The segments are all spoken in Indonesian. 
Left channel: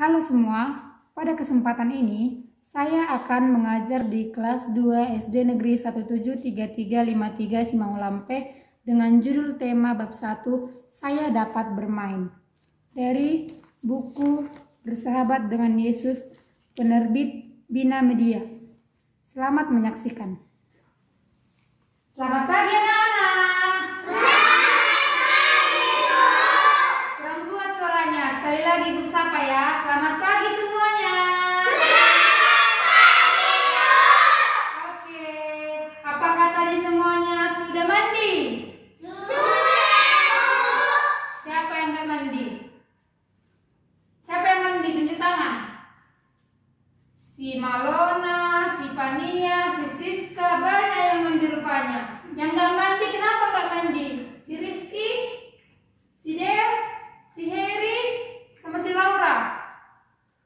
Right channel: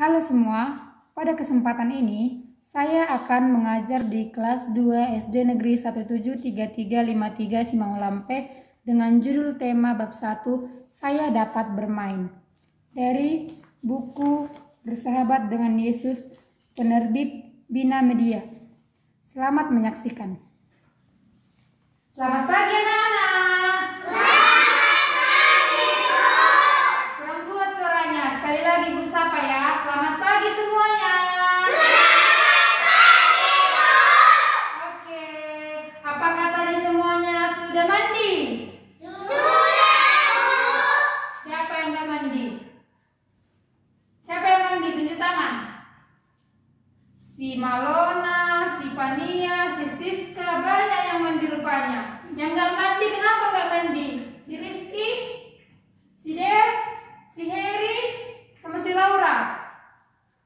Halo semua, pada kesempatan ini saya akan mengajar di kelas 2 SD Negeri 173353 Simangulampe dengan judul tema bab 1 Saya Dapat Bermain dari buku Bersahabat dengan Yesus penerbit Bina Media. Selamat menyaksikan. Selamat pagi anak-anak. Kurang kuat suaranya. Sekali lagi Bu sapa ya. Selamat pagi semuanya. Oke. Apakah tadi semuanya sudah mandi? Siapa yang nggak mandi? Siapa yang mandi? Tunjuk tangan. Si Malona, si Pania, si Siska, banyak yang mandi rupanya. Yang nggak mandi, kenapa nggak mandi? Si Rizky, si Dev, si Heri, sama si Laura.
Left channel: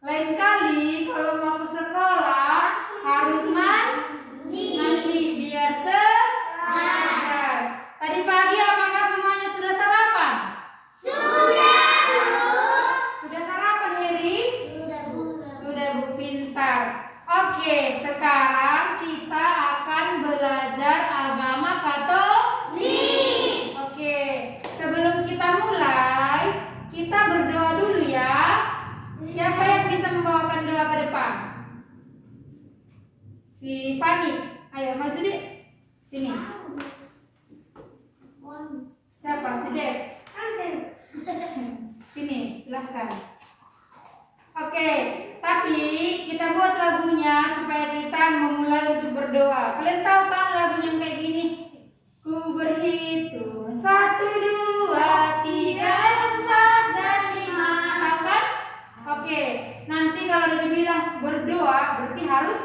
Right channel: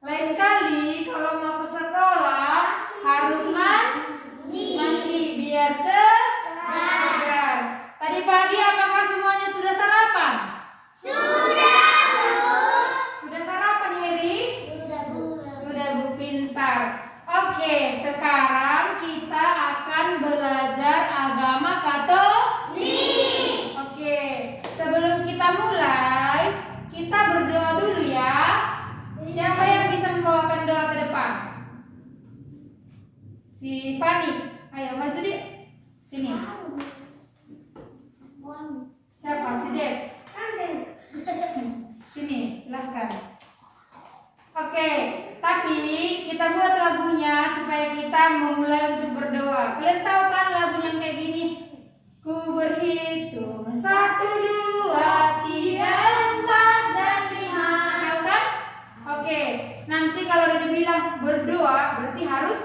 Lain kali kalau mau ke sekolah harus mandi biar segar. Tadi pagi apakah semuanya sudah sarapan? Sudah sarapan Heri? Sudah Bu, pintar. Oke, sekarang kita akan belajar agama Katolik. Oke, sebelum kita mulai, kita berdoa dulu ya. Siapa yang bisa membawakan doa ke depan? Si Fani, ayo maju deh. Sini. Siapa? Si Dev. Sini, silahkan. Oke, tapi kita buat lagunya supaya kita memulai untuk berdoa. Kalian tahu kan lagunya yang kayak gini? Ku berhitung 1, 2, 3, 4, dan 5. Tahu kan? Oke, nanti kalau dibilang berdoa berarti harus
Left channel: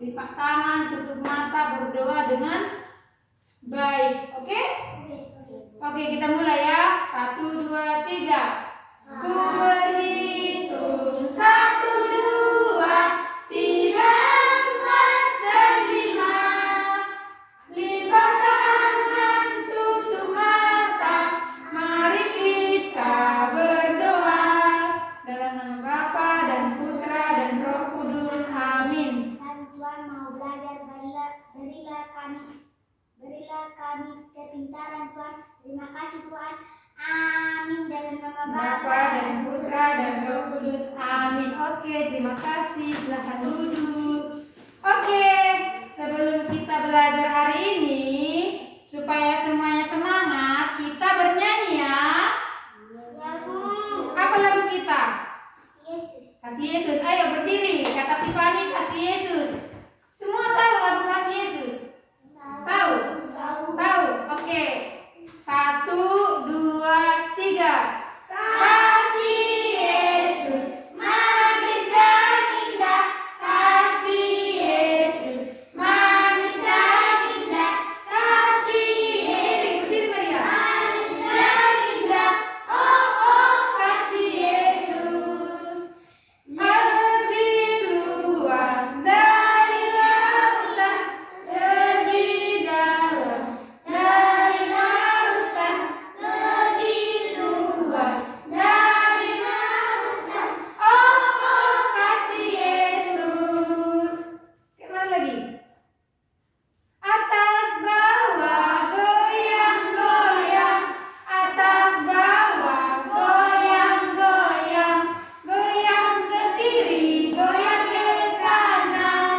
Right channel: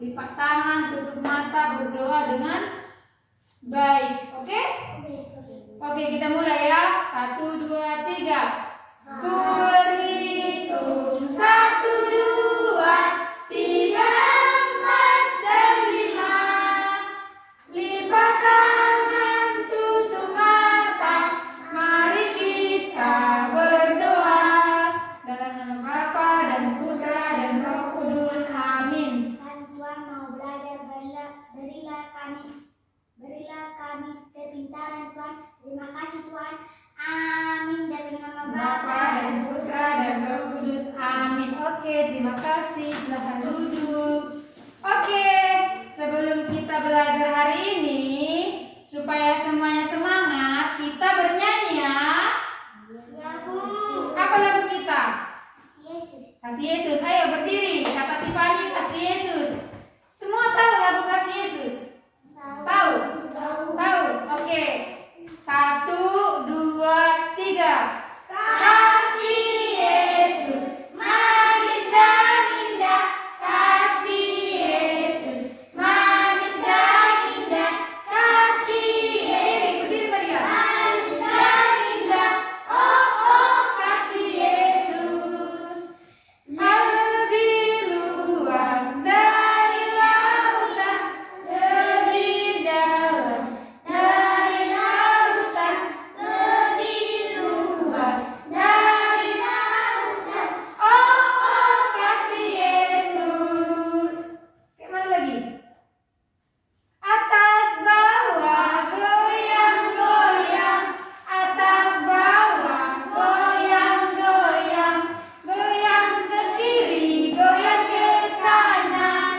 lipat tangan, tutup mata, berdoa dengan baik. Oke? Oke, kita mulai ya. 1, 2, 3. Ku berhitung 1, 2, 3, 4, dan 5. Lipat tangan, tutup mata, mari kita berdoa. Dalam nama Bapa dan Putra dan Roh Kudus. Amin. Kami Tuhan mau belajar, berilah kami kepintaran Tuhan. Terima kasih Tuhan. Amin. Dalam nama Bapa dan Putra dan Roh Kudus. Amin. Oke, terima kasih. Silahkan duduk. Oke, sebelum kita belajar hari ini, supaya semuanya semangat, kita bernyanyi ya. lagu Apa lagu kita? Yesus. Kasih Yesus. Ayo berdiri. Kata si Fani, kasih Yesus. Semua tahu lagu kasih Yesus? Tahu? Tahu. Oke. 1, 2, 3. Kasih Yesus, manis dan indah. Kasih Yesus, manis dan indah. Kasih Yesus, berdiri Maria. Manis dan indah. Oh oh, kasih Yesus. Lebih luas dari lautan, lebih dalam dari lautan, lebih luas dari lautan. Oh oh, kasih Yesus. Kemana lagi? Atas bawah goyang goyang, atas bawah goyang goyang, goyang ke kiri, goyang ke kanan,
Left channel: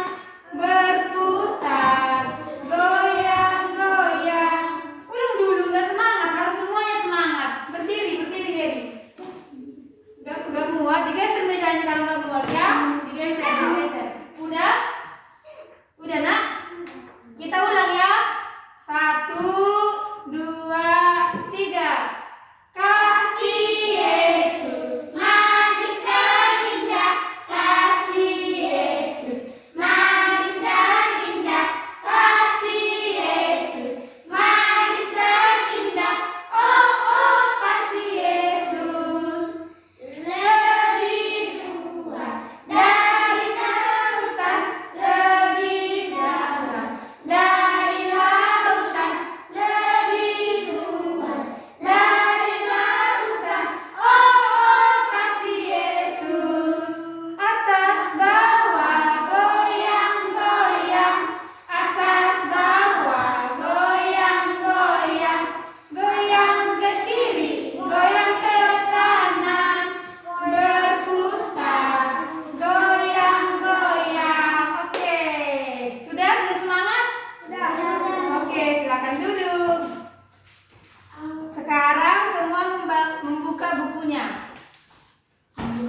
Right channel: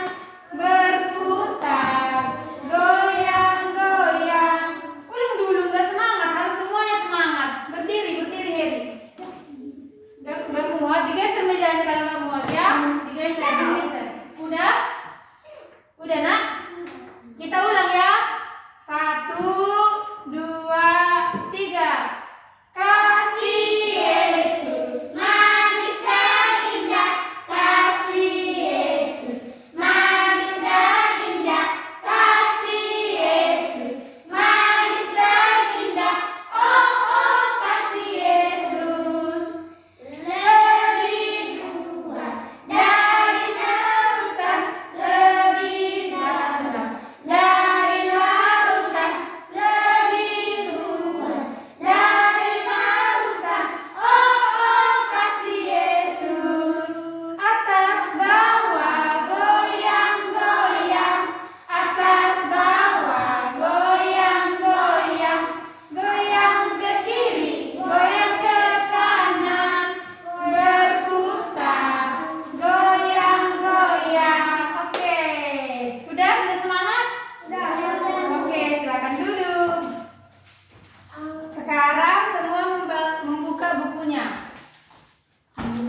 berputar, goyang goyang. Ulang dulu, nggak semangat, harus semuanya semangat. Berdiri Heri. Nggak muat, digeser mejanya kalau nggak muat ya. Digeser. Udah nak? Kita ulang ya. 1, 2, 3. Kasih Yesus, manis dan indah. Kasih Yesus, manis dan indah. Kasih Yesus, manis dan indah. Oh oh, kasih Yesus. Lebih luas dari sana.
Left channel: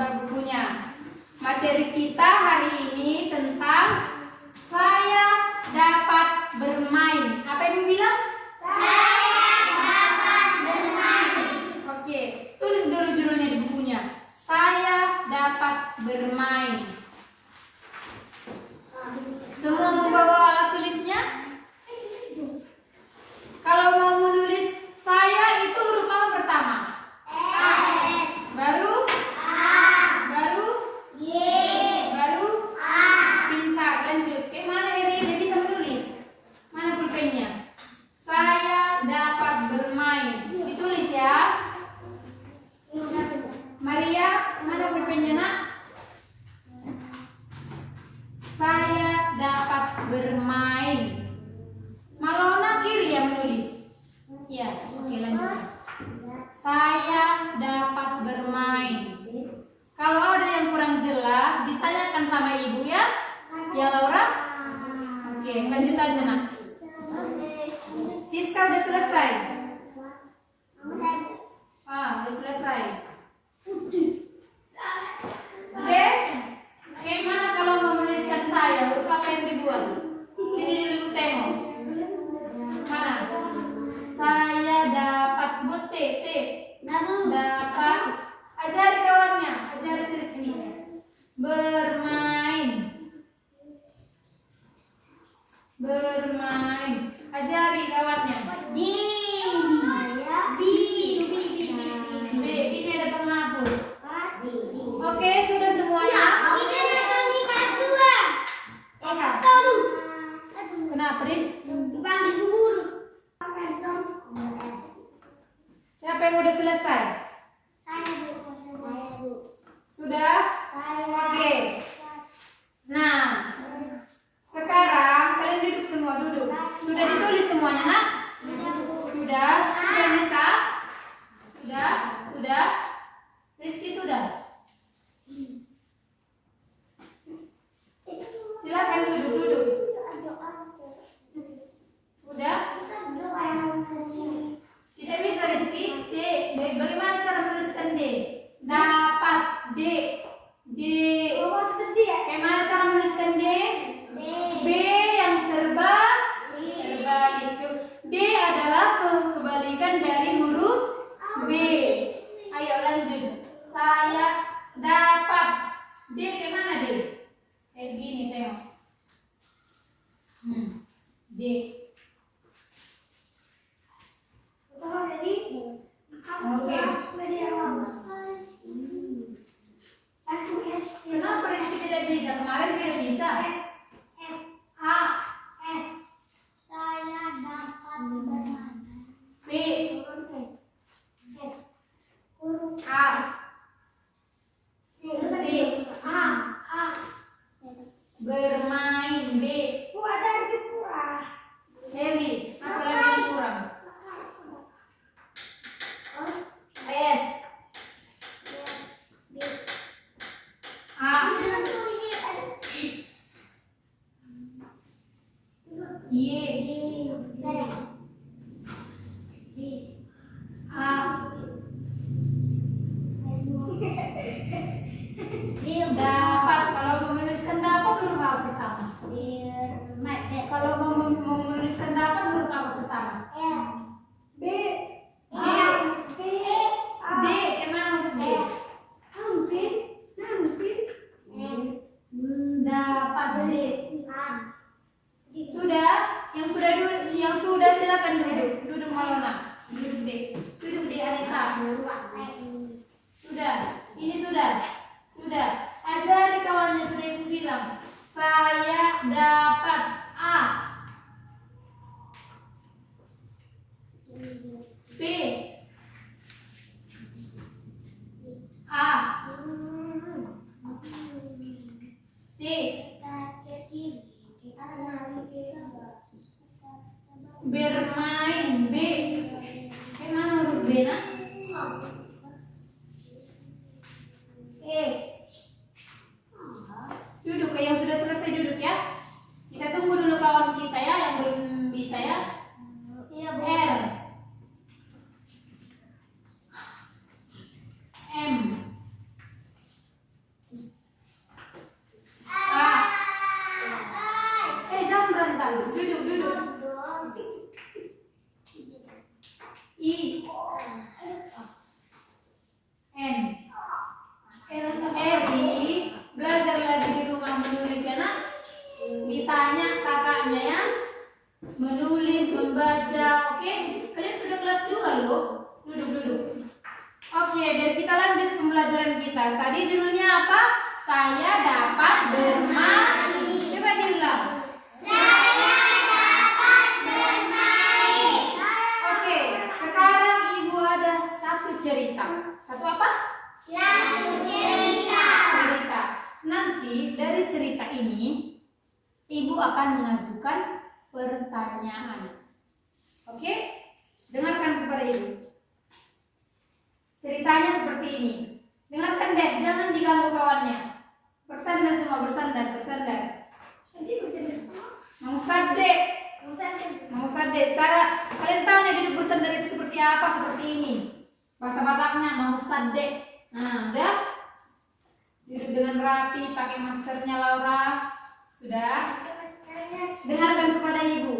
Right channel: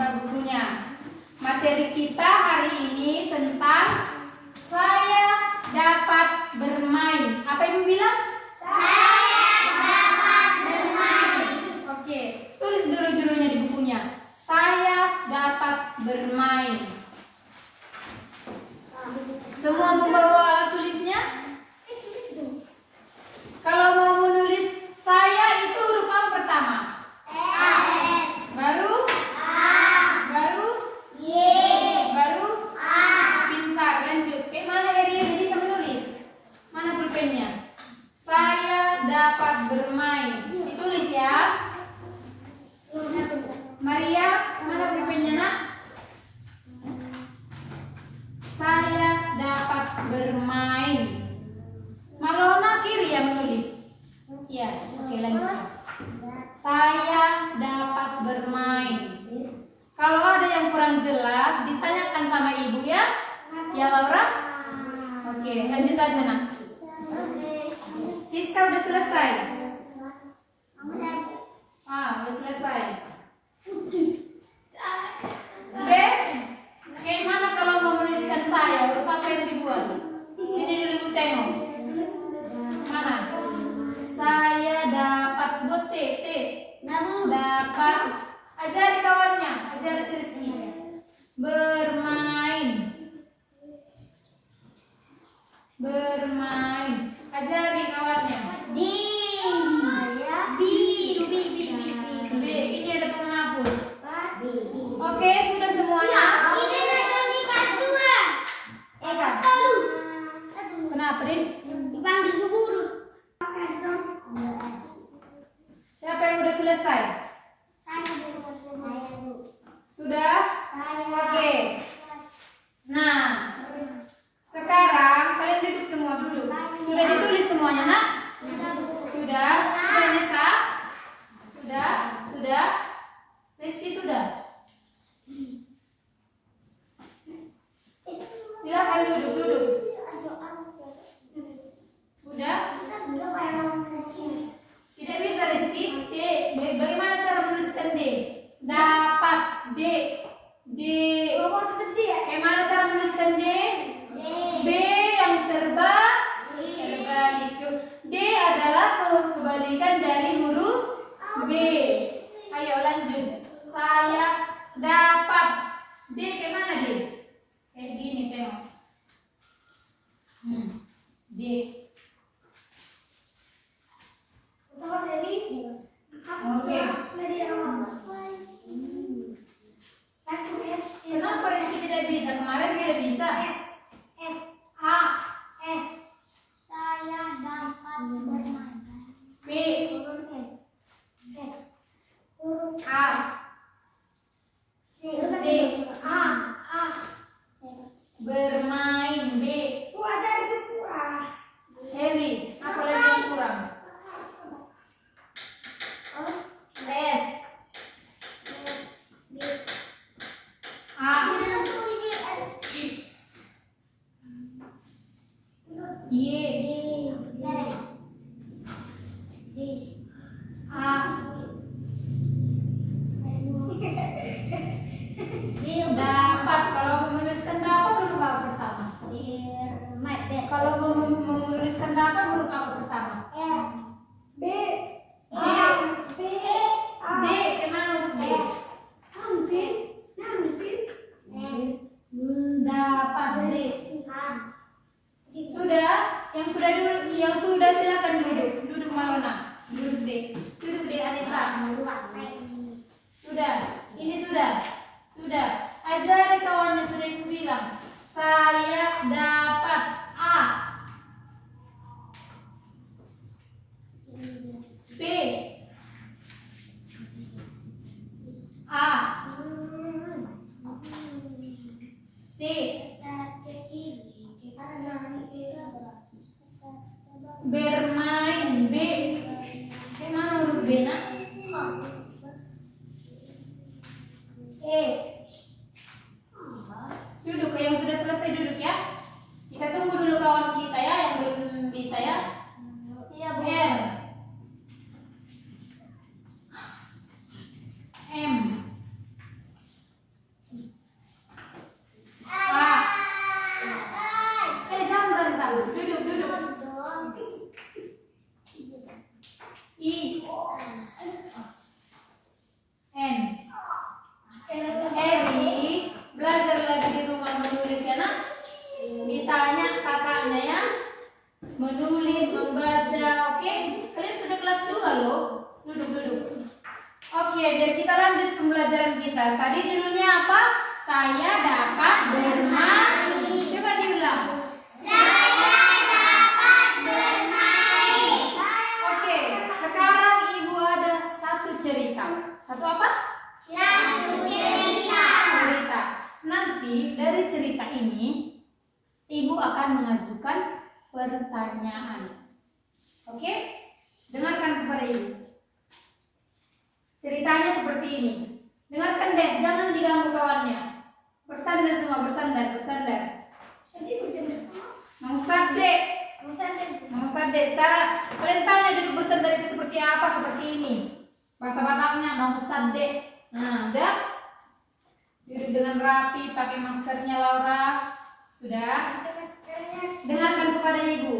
buka bukunya. Materi kita hari ini tentang saya dapat bermain. Apa Ibu bilang? Saya dapat bermain. Oke, tulis dulu judulnya di bukunya. Saya dapat bermain. Semua membawa alat tulisnya? Kalau mau menulis saya itu huruf apa pertama? S. Baru? A. Baru? Y. Baru? A. Pintar, lanjut. Mana Eri yang bisa menulis? Mana pulpennya? Saya dapat bermain. Ditulis ya. Maria, mana pulpennya nak? Saya dapat bermain. Malona kiri yang menulis. Ya, oke lanjut. Saya dapat bermain. Kalau ada yang kurang jelas, ditanyakan sama ibu ya. Ya Laura? Oke, lanjut aja nak. Siska udah selesai. Udah selesai. B, bagaimana kalau menuliskan saya? Huruf apa yang dibuat? Sini dulu tengok. Mana? Saya dapat buat T. Dapat. Ajari kawannya, ajari si Rizky. Bermain. Bermain. Ajari kawannya. D. B, ini ada penghapus. Oke, sudah semuanya. Kenapa, Rin? Siapa yang udah selesai? Sudah? Oke. Nah, sekarang kalian duduk semua, duduk. Sudah ditulis semuanya, nak? Sudah? Sudah, Nesa? Sudah? Sudah? Rizky sudah? Silakan duduk. Udah? Tidak bisa Rizky. D. Bagaimana cara menuliskan D? Dapat. D. Bagaimana cara menuliskan D? B yang terbalik. D adalah kebalikan dari huruf B. Ayo lanjut. Saya dapat. D bagaimana D? Kayak gini tengok. D. Oke. Kenapa Rizky tidak bisa? Kemarin tidak bisa. A. Saya dapat bermain. B. A. D. Bermain. B. Heli. Apa lagi yang kurang? S. A. Y. A. Dapat. Kalau menuliskan dapat huruf apa pertama? Kalau menuliskan dapat huruf apa pertama? D. Kemana huruf D? Dapat D. Sudah? Yang sudah silakan duduk. Duduk Malona. Duduk D. Duduk D Anissa. Sudah. Ini sudah. Ajari kawannya sudah ibu bilang. Saya dapat A. B. A. D. Bermain. B. Mana huruf B nak? E. Duduk, yang sudah selesai duduk ya. Kita tunggu dulu kawan kita ya yang belum bisa ya. R. M. tanya kakaknya ya. Menulis, membaca, oke? Kalian sudah kelas 2 loh. Duduk. Oke, biar kita lanjut pembelajaran kita. Tadi judulnya apa? Saya dapat bermain. Coba diulang. Saya dapat bermain. Oke, sekarang ibu ada satu cerita. Satu apa? Satu cerita. Cerita. Nanti dari cerita ini ibu akan mengajukan pertanyaan. Oke? Dengarkan kepada ibu. Ceritanya seperti ini. Dengarkan deh, jangan diganggu kawannya. Bersandar semua, bersandar. Mau sadde. Cara kalian tanya duduk bersandar itu seperti apa? Seperti ini. Bahasa Bataknya mau sadde. Nah, udah. Duduk dengan rapi, pakai maskernya Laura. Sudah? Dengarkan kepada ibu.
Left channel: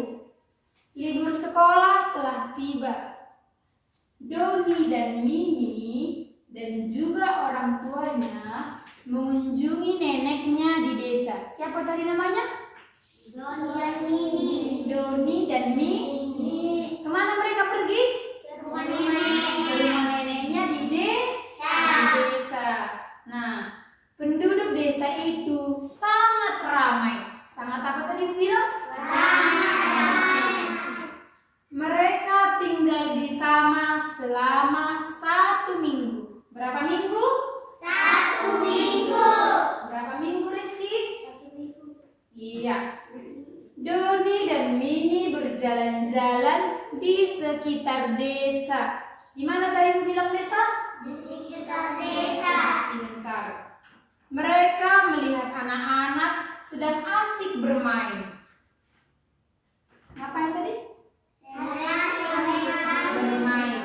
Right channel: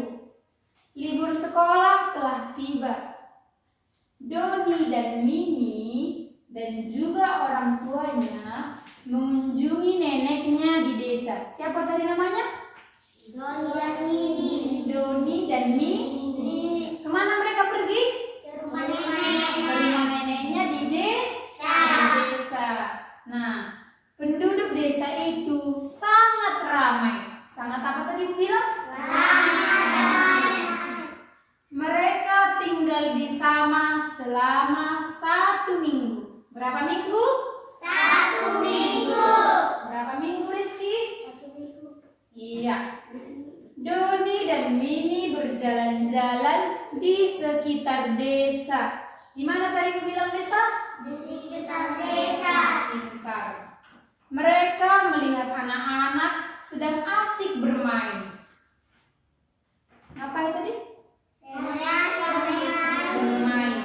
Libur sekolah telah tiba. Doni dan Mini dan juga orang tuanya mengunjungi neneknya di desa. Siapa tadi namanya? Doni dan Mini. Kemana mereka pergi? Ke rumah nenek. Ke rumah neneknya di desa. Nah, penduduk desa itu sangat ramai. Sangat apa tadi bilang? Mereka tinggal di sana selama 1 minggu. Berapa minggu? 1 minggu. Berapa minggu, Rizky? 1 minggu. Iya. Doni dan Mini berjalan-jalan di sekitar desa. Di mana tadi ibu bilang desa? Di sekitar desa. Pintar. Mereka melihat anak-anak sedang asik bermain. Ngapain tadi? Bermain.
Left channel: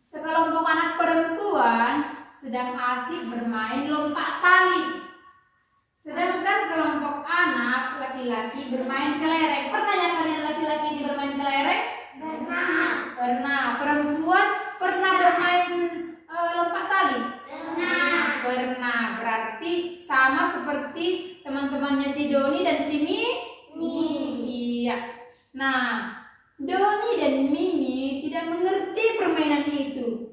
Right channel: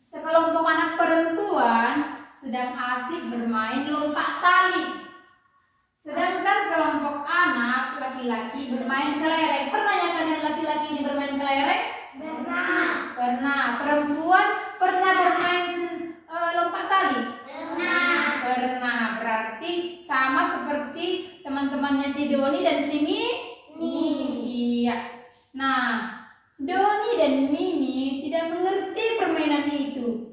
Sekelompok anak perempuan sedang asik bermain lompat tali. Sedangkan kelompok anak laki-laki bermain kelereng. Pernah ya kalian laki-laki ini bermain kelereng? Pernah. Perempuan pernah bermain lompat tali? Pernah. Berarti sama seperti teman-temannya si Doni dan si Mini. Iya. Nah, Doni dan Mini tidak mengerti permainan itu.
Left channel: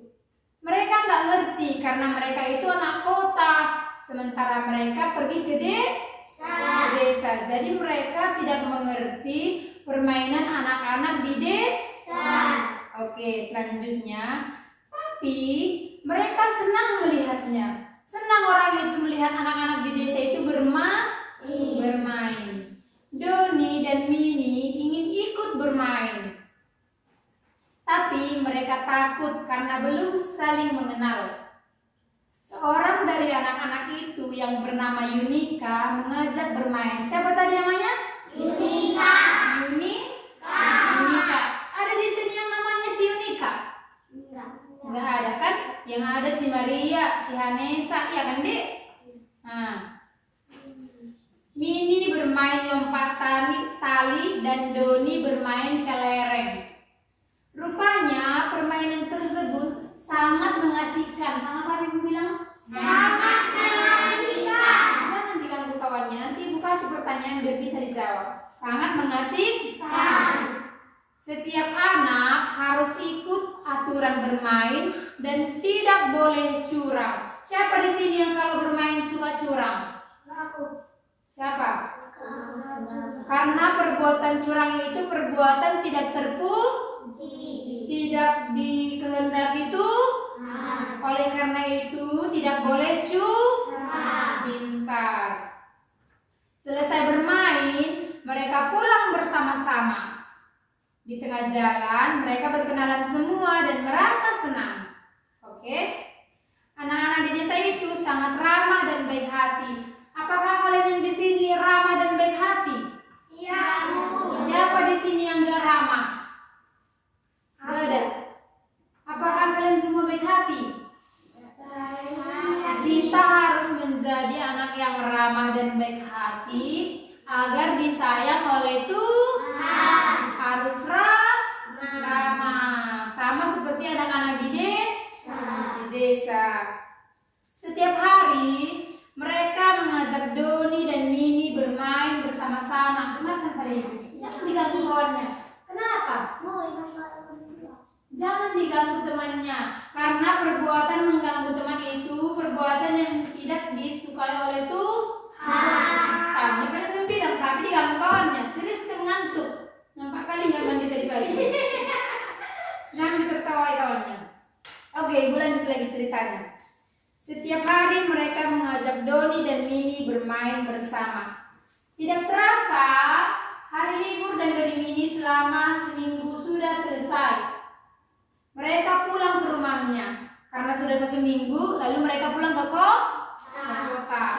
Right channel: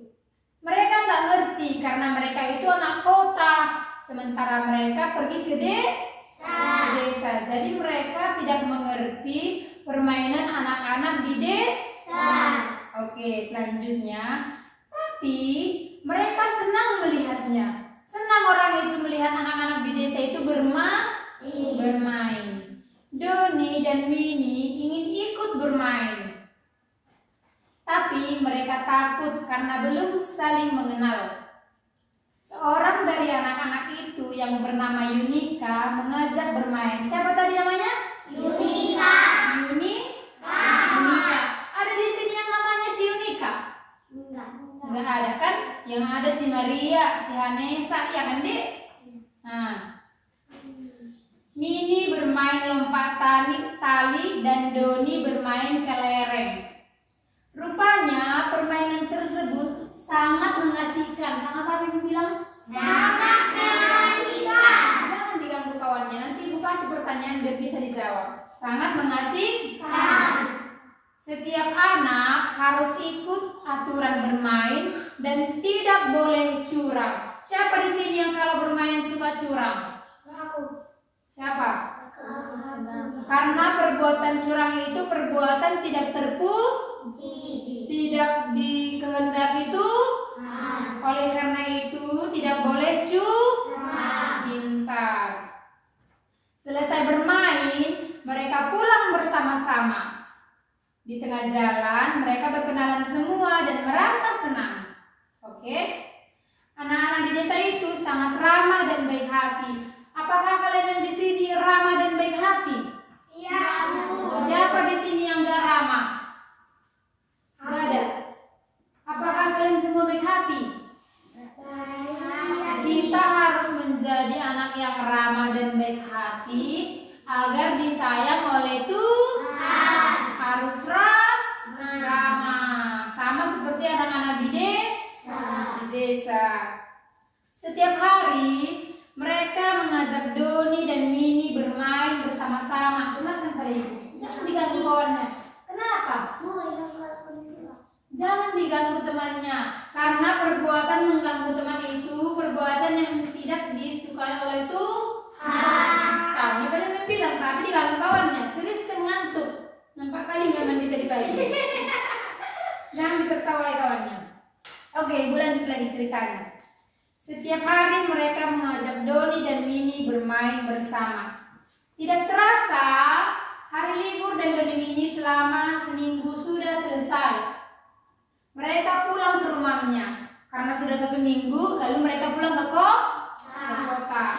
Mereka nggak ngerti karena mereka itu anak kota, sementara mereka pergi ke desa. Jadi mereka tidak mengerti permainan anak-anak di desa. Oke, selanjutnya. Tapi mereka senang melihatnya. Senang orang itu melihat anak-anak di desa itu bermain. Doni dan Mini ingin ikut bermain. Tapi mereka takut karena belum saling mengenal. Seorang dari anak-anak itu yang bernama Yunika mengajak bermain. Siapa tadi namanya? Yunika. Yunika. Ada di sini yang namanya si Yunika? Enggak ada kan? Yang ada si Maria, si Hanesa, ya kan, Dek? Nah. Mini bermain lompat tali dan Doni bermain kelereng. Rupanya permainan tersebut sangat mengasihkan. Sangat apa ibu bilang? Sangat mengasihkan. Jangan diganggu kawannya. Nanti ibu kasih pertanyaan biar bisa dijawab. Sangat mengasihkan. Setiap anak harus ikut aturan bermain dan tidak boleh curang. Siapa di sini yang kalau bermain suka curang? Aku. Siapa? Karena perbuatan curang itu perbuatan tidak tidak dikehendaki itu. Oleh karena itu tidak boleh curang. Pintar. Selesai bermain, mereka pulang bersama-sama. Di tengah jalan, mereka berkenalan semua dan merasa senang. Oke? Anak-anak di desa itu sangat ramah dan baik hati. Apakah kalian yang di sini ramah dan baik hati? Iya, Bu. Siapa di sini yang gak ramah? Gak ada. Apakah kalian semua baik hati? Kita harus menjadi anak yang ramah dan baik hati agar disayang oleh Tuhan. Harus ramah. Sama seperti anak-anak di desa. Setiap hari mereka mengajak Doni dan Mini bermain bersama-sama ibu. Jangan diganggu kawannya. Kenapa? Jangan diganggu temannya. Karena perbuatan mengganggu teman itu perbuatan yang tidak disukai oleh Tuhan. Kami kan itu bilang, tapi diganggu kawannya. Serius ngantuk. Nampak kali nggak mandi tadi pagi. Jangan ditertawai kawannya. Oke, ibu lanjut lagi ceritanya. Setiap hari mereka mengajak Doni dan Mini bermain bersama. Tidak terasa, hari libur dan Doni Mini selama seminggu sudah selesai. Mereka pulang ke rumahnya. Karena sudah 1 minggu, lalu mereka pulang ke kota.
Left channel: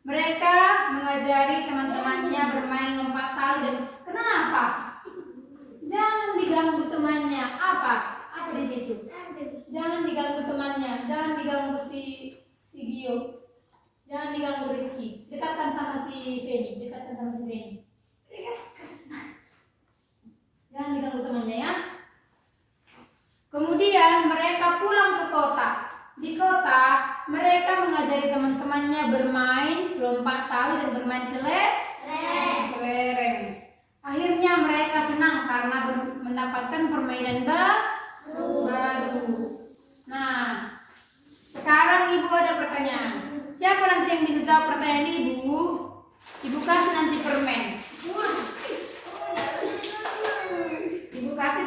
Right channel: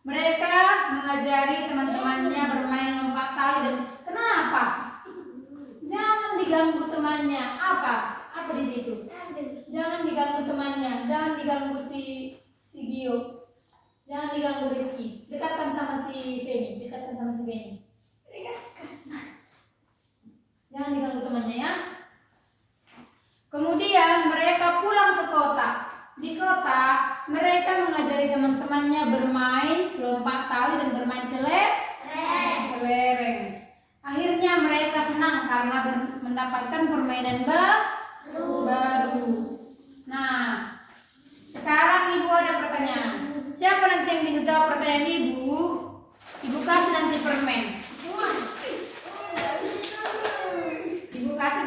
Mereka mengajari teman-temannya bermain lompat tali dan kenapa? Jangan diganggu temannya. Apa di situ? Jangan diganggu temannya. Jangan diganggu si Gio. Jangan diganggu Rizky. Dekatkan sama si Feni. Jangan diganggu temannya ya. Kemudian mereka pulang ke kota. Di kota mereka mengajari teman-temannya bermain lompat tali dan bermain kelereng. Akhirnya mereka senang karena mendapatkan permainan baru. Nah, sekarang ibu ada pertanyaan. Siapa nanti yang bisa jawab pertanyaan ibu? Ibu kasih nanti permen. Ibu kasih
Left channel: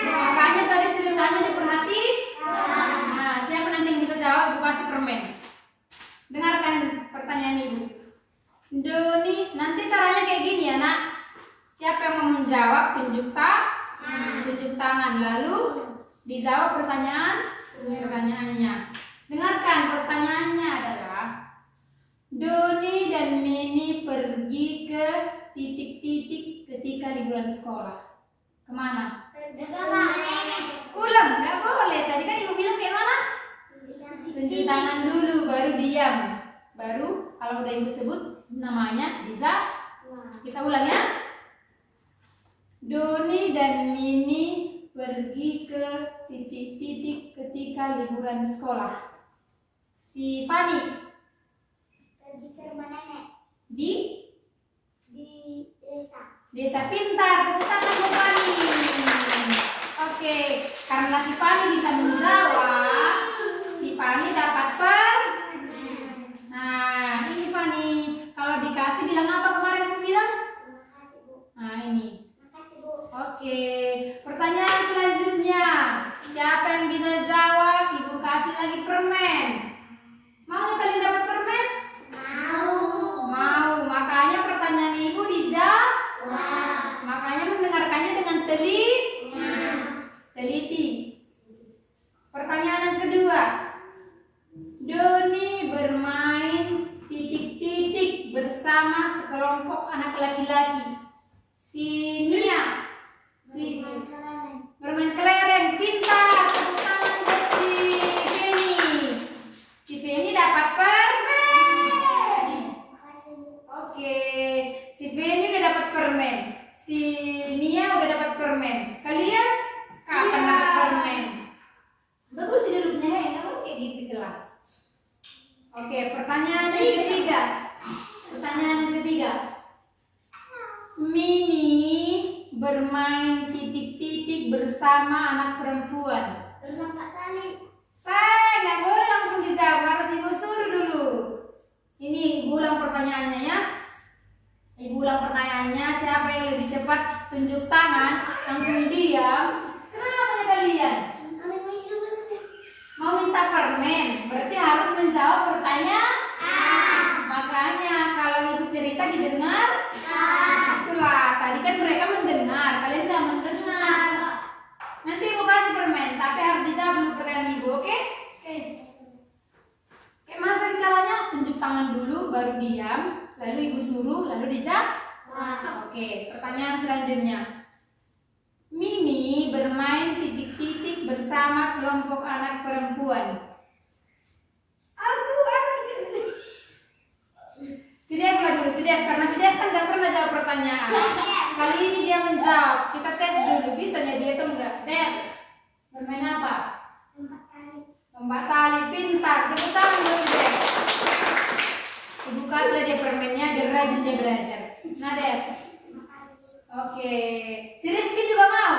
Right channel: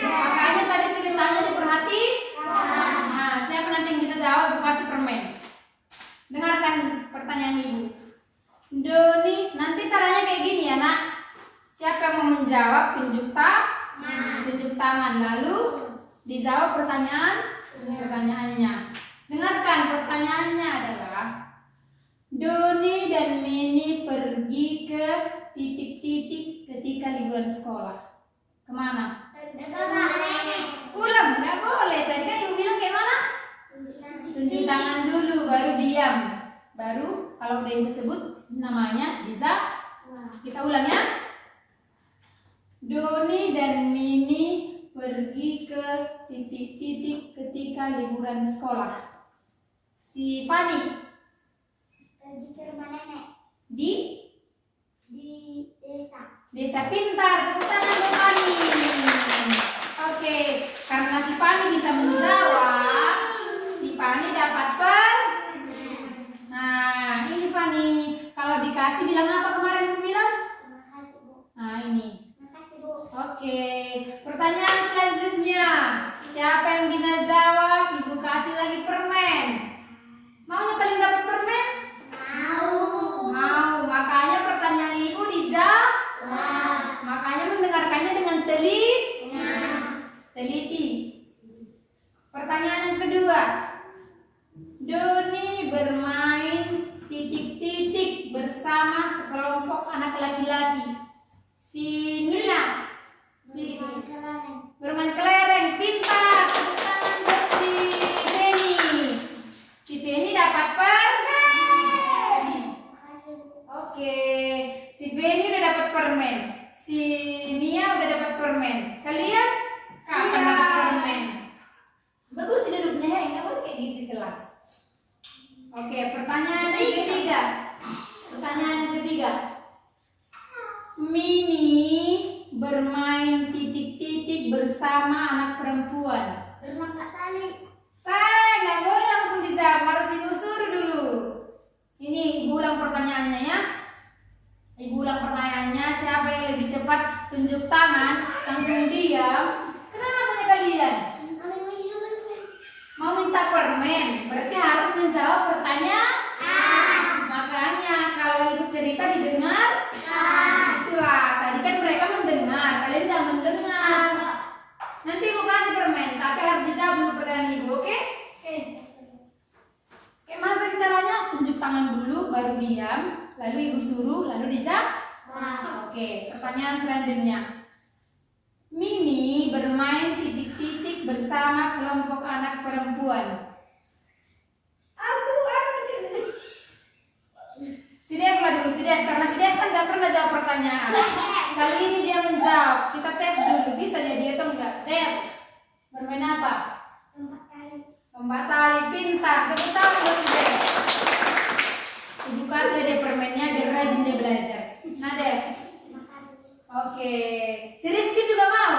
makanya tadi ceritanya diperhati. Nah, siapa nanti yang bisa jawab? Ibu kasih permen. Dengarkan pertanyaan ibu. Doni, nanti caranya kayak gini ya nak. Siapa yang mau menjawab tunjuk tangan, lalu dijawab pertanyaannya. Dengarkan pertanyaannya adalah Doni dan Mini pergi ke titik-titik ketika liburan sekolah. Kemana? Ulang, nggak boleh. Tadi kan ibu bilang kayak mana? Tunjuk tangan dulu, baru diam. Baru kalau udah ibu sebut namanya bisa. Kita ulang ya. Doni dan Mini pergi ke titik-titik ketika liburan sekolah. Si Fani Pergi ke rumah nenek di desa. Desa pintar, tepuk tangan buat Fani. Oke, karena si Fani bisa menjawab, si Fani dapat Nah, ini Fani. Kalau dikasih bilang apa kemarin aku bilang? Terima kasih Bu. Nah, ini. Terima kasih Bu. Oke, pertanyaan selanjutnya. Siapa yang bisa jawab? Ibu kasih lagi permen. Mau kalian dapat permen? Mau. Makanya pertanyaan ibu dijawab. Makanya mendengarkannya dengan teliti. Pertanyaan yang kedua. Doni bermain titik-titik bersama sekelompok anak laki-laki. Si Nia bermain kelereng, pintar. Tepuk tangan buat si Feni. Si Feni dapat permen. Oke, si Feni udah dapat permen. Si Nia udah dapat permen. Kalian kapan dapat permen? Bagus sih duduknya ya, nggak boleh kayak gitu kelas. Oke, pertanyaan yang ketiga. Mini bermain titik-titik bersama anak perempuan. Berlompat tali. Saya nggak boleh langsung dijawab, harus ibu suruh dulu. Ini ibu ulang pertanyaannya ya. Ibu ulang pertanyaannya, siapa yang lebih cepat tunjuk tangan, langsung diam. Kenapa kalian? Mau minta permen, berarti harus menjawab pertanyaan. Makanya kalau ibu cerita didengar. Itulah, tadi kan mereka mendengar, kalian nggak mendengar. Nanti ibu kasih permen, tapi harus dijawab dulu pertanyaan ibu, oke? Kayak mana tadi caranya? Tunjuk tangan dulu, baru diam, lalu ibu suruh, lalu dijawab. Oke, pertanyaan selanjutnya. Mini bermain titik-titik bersama kelompok anak perempuan. Si Dev lah dulu, karena si Dev kan gak pernah jawab pertanyaan. Kali ini dia menjawab, kita tes dulu, bisa dia atau enggak? Dev, bermain apa? Lompat tali, pintar, tepuk tangan buat si Dev. Ibu kasih dia permennya, dia rajin dia belajar. Nah Dev, Oke, si Rizky juga mau?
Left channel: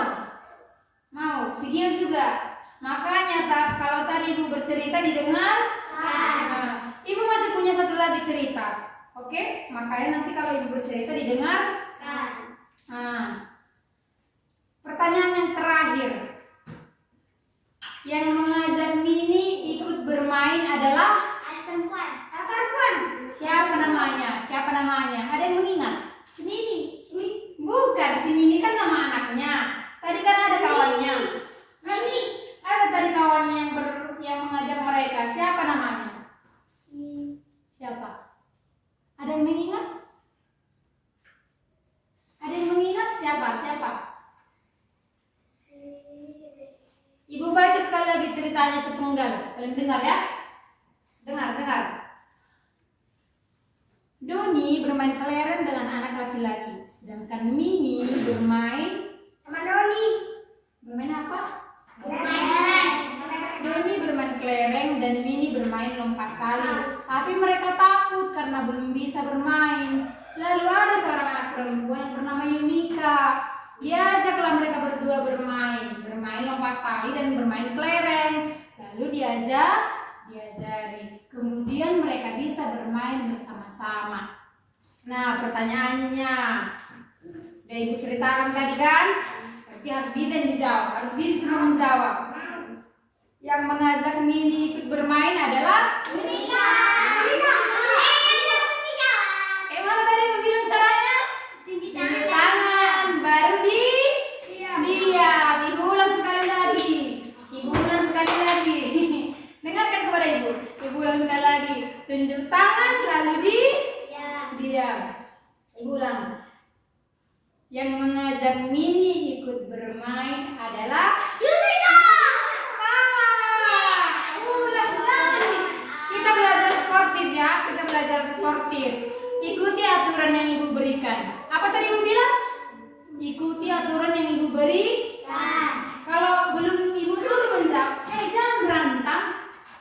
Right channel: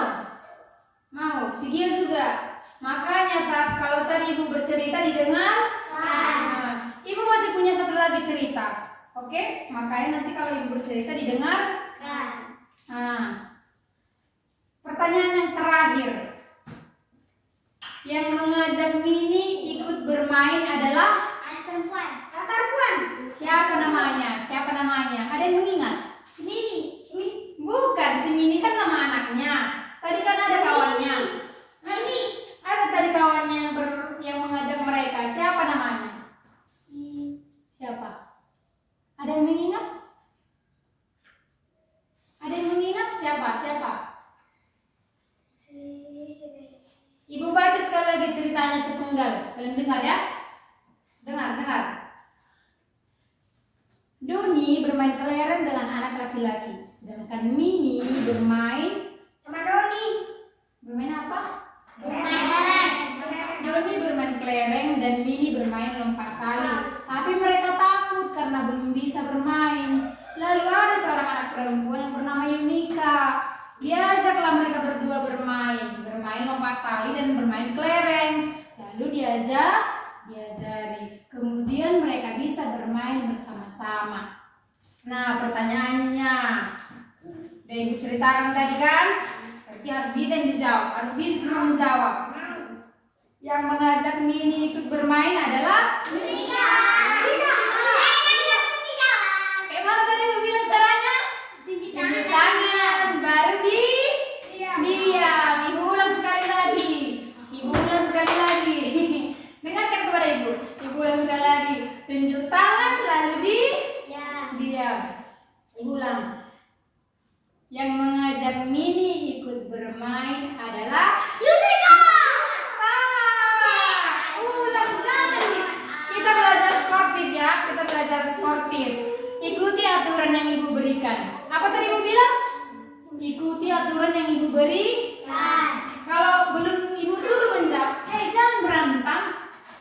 Mau, si Gil juga. Makanya kalau tadi ibu bercerita didengar, nah, ibu masih punya satu lagi cerita. Oke, makanya nanti kalau ibu bercerita didengar. Nah, pertanyaan yang terakhir. Yang mengajak Mini ikut bermain adalah Anak perempuan. siapa namanya? Siapa namanya? Ada yang mengingat? Si Mini. Bukan, si Mini kan nama anaknya. Tadi kan ada kawannya. Mini. Ada tadi kawannya yang mengajak mereka. Siapa namanya? Siapa? Ada yang mengingat? Ada yang mengingat? Siapa? Ibu baca sekali lagi ceritanya sepenggal. Kalian dengar ya? Dengar. Doni bermain kelereng dengan anak laki-laki, sedangkan Mini bermain Sama Doni. bermain apa? Doni bermain kelereng dan Mini bermain lompat tali. Tapi mereka takut karena belum bisa bermain. Lalu ada seorang anak perempuan yang bernama Yunika. Diajaklah mereka berdua bermain lompat tali dan bermain kelereng. Lalu diajari. Kemudian mereka bisa bermain bersama-sama. Nah, pertanyaannya, udah ibu ceritakan tadi kan? Berarti harus bisa dijawab, harus bisa menjawab. Yang mengajak Mini ikut bermain adalah Yunika. Kayak mana tadi ibu bilang caranya? Tinggi Tunjuk tangan, baru diam. Ibu ulang sekali lagi. Dengarkan kepada ibu. Ibu ulang sekali lagi. Tunjuk tangan, lalu diam. Ibu ulang. Yang mengajak Mini ikut bermain adalah Yunika. Ulang lagi. Kita belajar sportif ya. Ikuti aturan yang ibu berikan. Apa tadi ibu bilang? Ikuti aturan yang ibu berikan. Kalau belum ibu suruh menjawab, jangan berantang.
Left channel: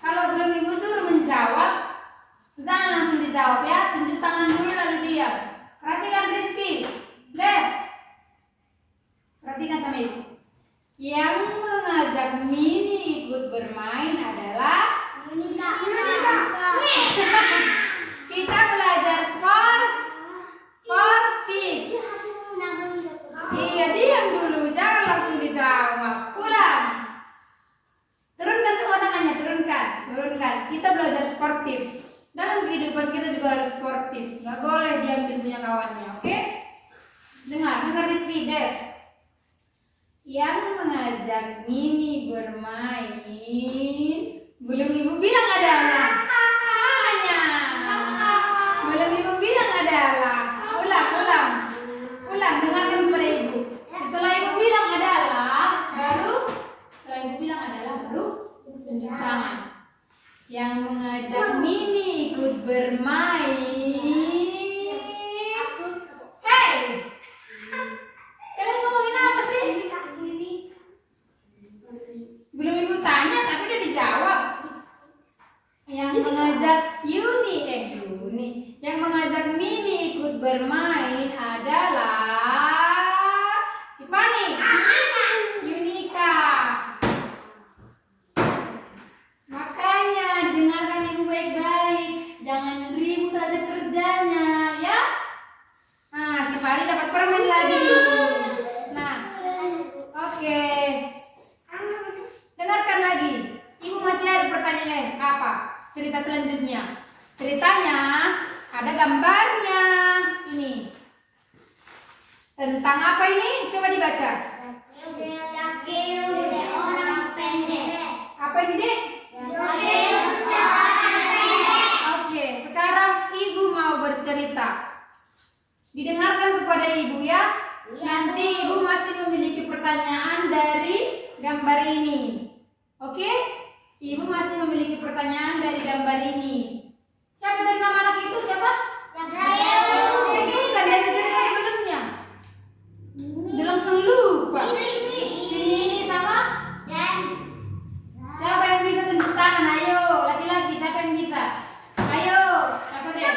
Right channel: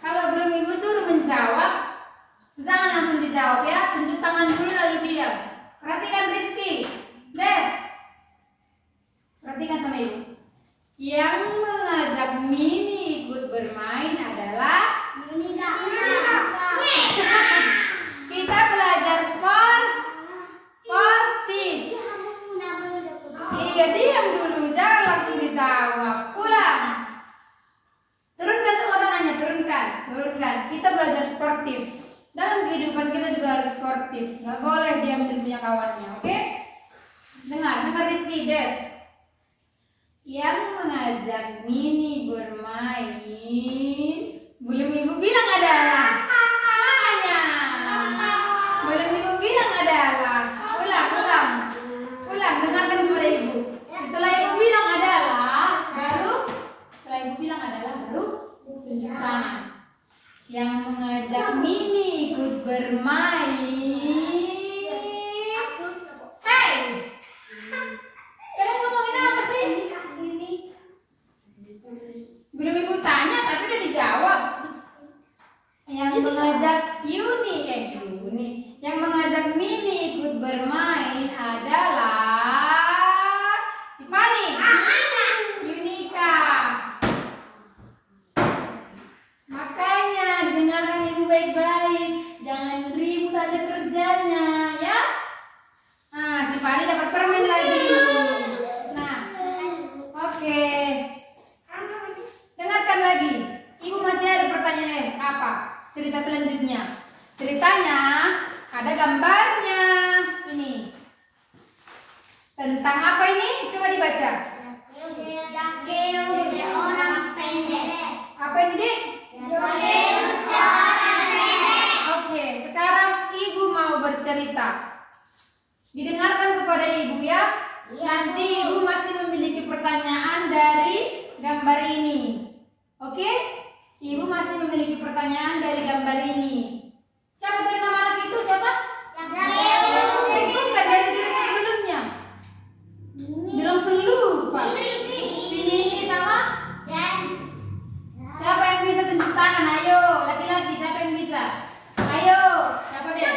Kalau belum ibu suruh menjawab, jangan langsung dijawab ya. Tunjuk tangan dulu lalu diam. Perhatikan Rizky. Dev. Perhatikan sama ibu. Yang mengajak Mini ikut bermain adalah Yunika. kita belajar sportif. Iya, diam dulu, jangan langsung dijawab. Ulang. Turunkan semua tangannya, turunkan. Kita belajar sportif. Dalam kehidupan kita juga harus sportif. Gak boleh diambil punya kawannya, oke? Dengar Rizky, Dev. Yang mengajak Mini bermain, belum ibu bilang adalah. Belum ibu bilang adalah. Ulang, dengarkan kepada ibu. Setelah ibu bilang adalah, baru tunjuk tangan. Yang mengajak Mini ikut bermain. Hei, kalian ngomongin apa sih? Belum ibu tanya tapi udah dijawab. Yang mengajak Yang mengajak Mini ikut bermain adalah si Fani, Yunika. Makanya dengarkan ibu baik-baik, jangan ribut aja kerjanya, ya. Nah, si Fani dapat permen lagi. Nah, oke. Dengarkan lagi. Ibu masih ada pertanyaan apa? Cerita selanjutnya. Ceritanya ada gambarnya. Ini. Tentang apa ini? Coba dibaca. Orang pendek. Apa ini, Dek? Oke, sekarang ibu mau bercerita. Didengarkan kepada ibu ya. Nanti ibu masih memiliki pertanyaan dari gambar ini. Oke? Ibu masih memiliki pertanyaan dari gambar ini. Siapa dari nama anak itu? Siapa? Bukan dari cerita sebelumnya. Dia langsung lupa. Ini sama? Siapa yang bisa tunjuk tangan? Ayo, laki-laki siapa yang bisa? Ayo, siapa deh?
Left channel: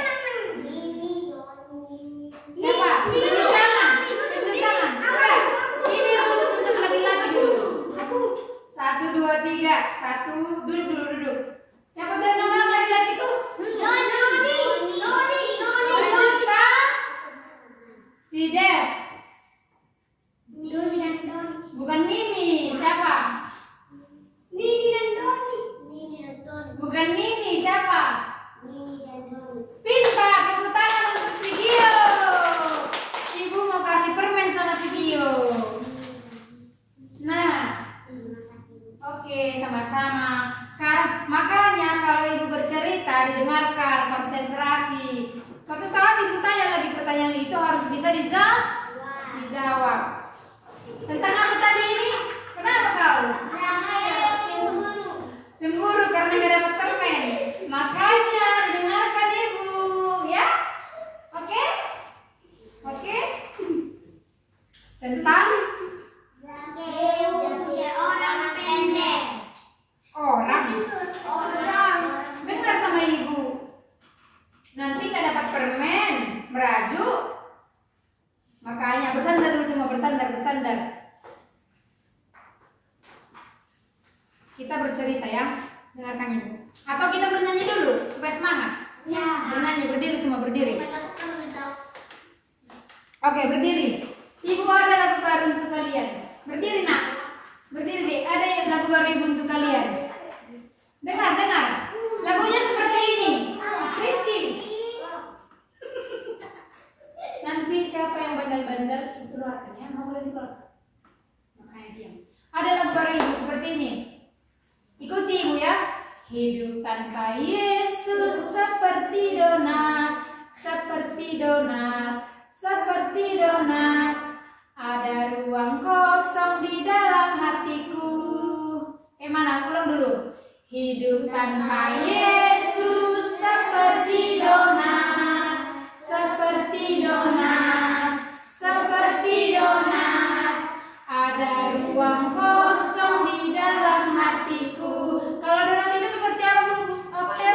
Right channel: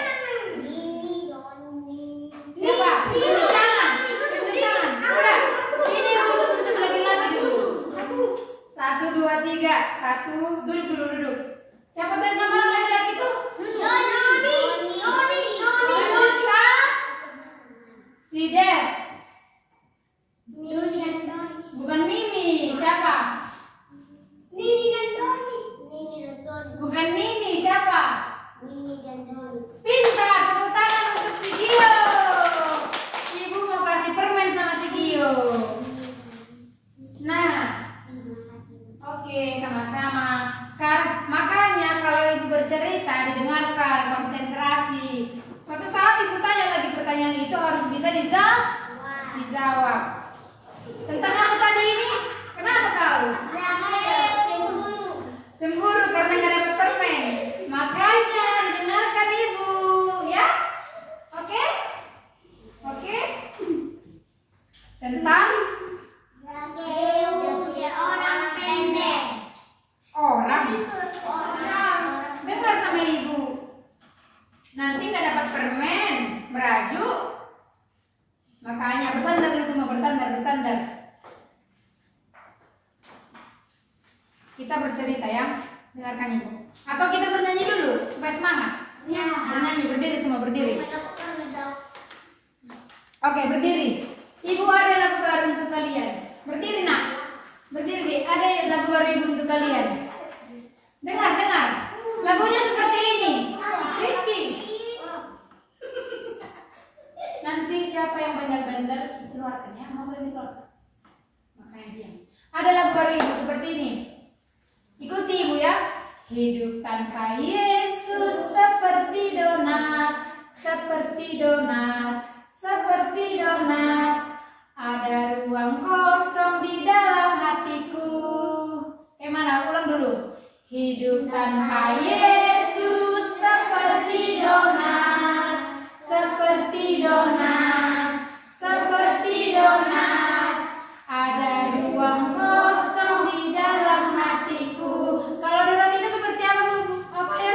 Siapa? Tunjuk tangan. dijawab. Tentang apa tadi ini? Kenapa kau? Cemburu karena nggak dapat permen. Makanya didengarkan ibu, ya? Oke? Oke? Tentang orang pendek. orang. Dengar sama ibu. Nanti nggak dapat permen, merajuk. Makanya bersandar dulu semua, bersandar. Kita bercerita ya, dengarkan ibu. Atau kita bernyanyi dulu supaya semangat. Ya. Bernyanyi, berdiri semua, berdiri. Oke, berdiri. Ibu ada lagu baru untuk kalian. Berdiri nak, berdiri deh. Ada lagu baru ibu untuk kalian. Dengar. Lagunya seperti ini. Rizky. Nanti siapa yang bandel-bandel keluarkan ya, mau boleh dikeluarkan. Makanya diam. Ada lagu baru ibu seperti ini. Ikuti ibu ya. Hidup tanpa Yesus seperti donat, ada ruang kosong di dalam hatiku. Mana? Ulang dulu. Hidup tanpa Yesus seperti donat, ada ruang kosong di dalam hatiku. Kalau donat itu seperti apa bu? Apa ya?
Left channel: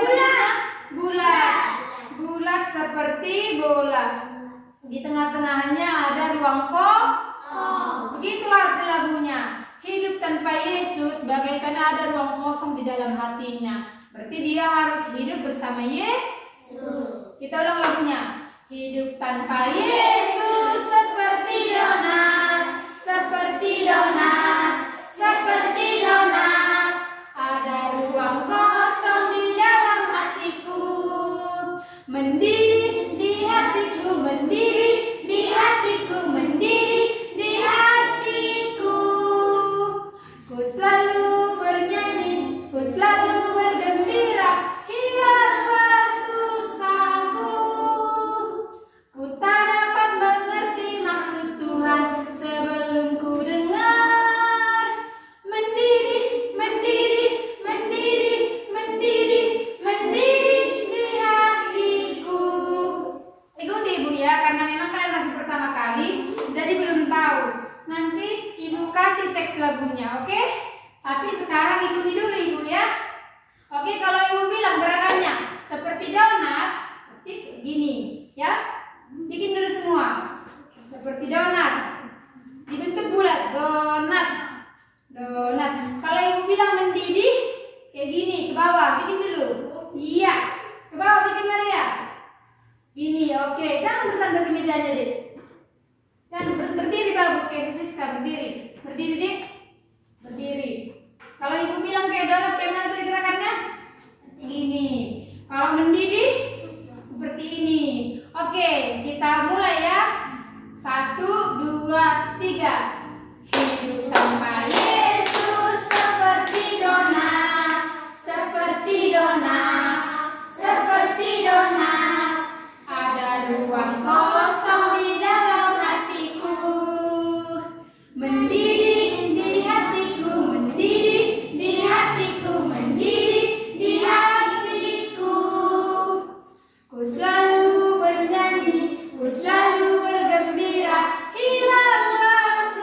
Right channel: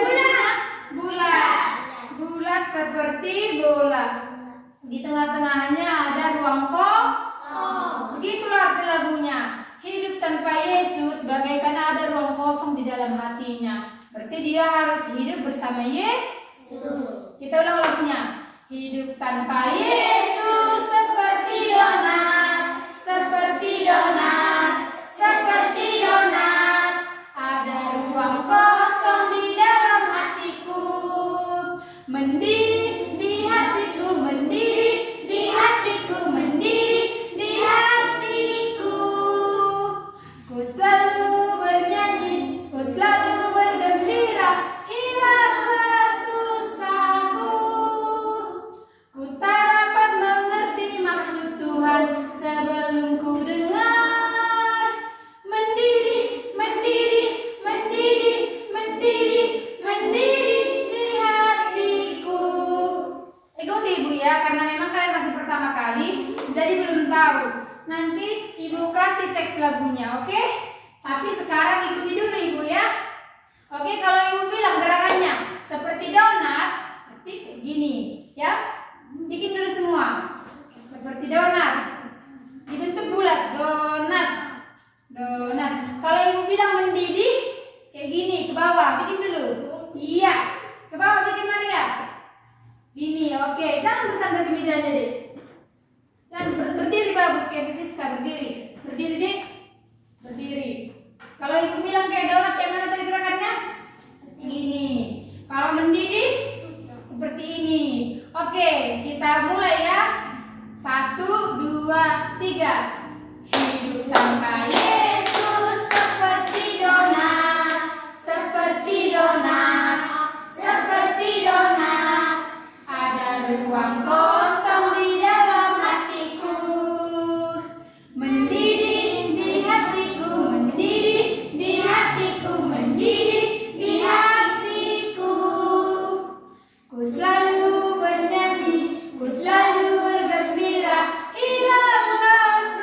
Bulat seperti bola. Di tengah-tengahnya ada ruang kosong. Begitulah arti lagunya. Hidup tanpa Yesus bagaikan ada ruang kosong di dalam hatinya. Berarti dia harus hidup bersama Yesus. Kita ulang lagunya. Hidup tanpa Yesus seperti donat, ada ruang kosong di dalam hatiku. Mendidih di hatiku. Ku selalu bernyanyi, ku selalu bergembira, hilanglah susahku. Ku tak dapat mengerti maksud Tuhan sebelum ku dengar. Mendidih di hatiku. Ikuti ibu ya, karena memang kalian masih pertama kali, jadi belum tahu. Nanti ibu kasih teks lagunya, oke? Tapi sekarang ikuti dulu ibu ya. Oke, kalau ibu bilang gerakannya seperti donat, berarti kayak gini, ya? Bikin dulu semua. Seperti donat. Dibentuk bulat, donat. Kalau ibu bilang mendidih, kayak gini, ke bawah, bikin dulu. Iya, ke bawah bikin Maria. Gini, oke. Jangan bersandar di meja aja deh. Jangan berdiri bagus kayak Siska, berdiri. Berdiri dik. Berdiri. Kalau ibu bilang kayak donat, kayak mana tadi gerakannya? Gini. Kalau mendidih seperti ini. Oke, kita mulai ya. 1, 2, 3. Hidup tanpa Yesus seperti donat, ada ruang kosong di dalam hatiku. Mendidih di hatiku. Ku selalu bernyanyi, ku selalu bergembira, hilanglah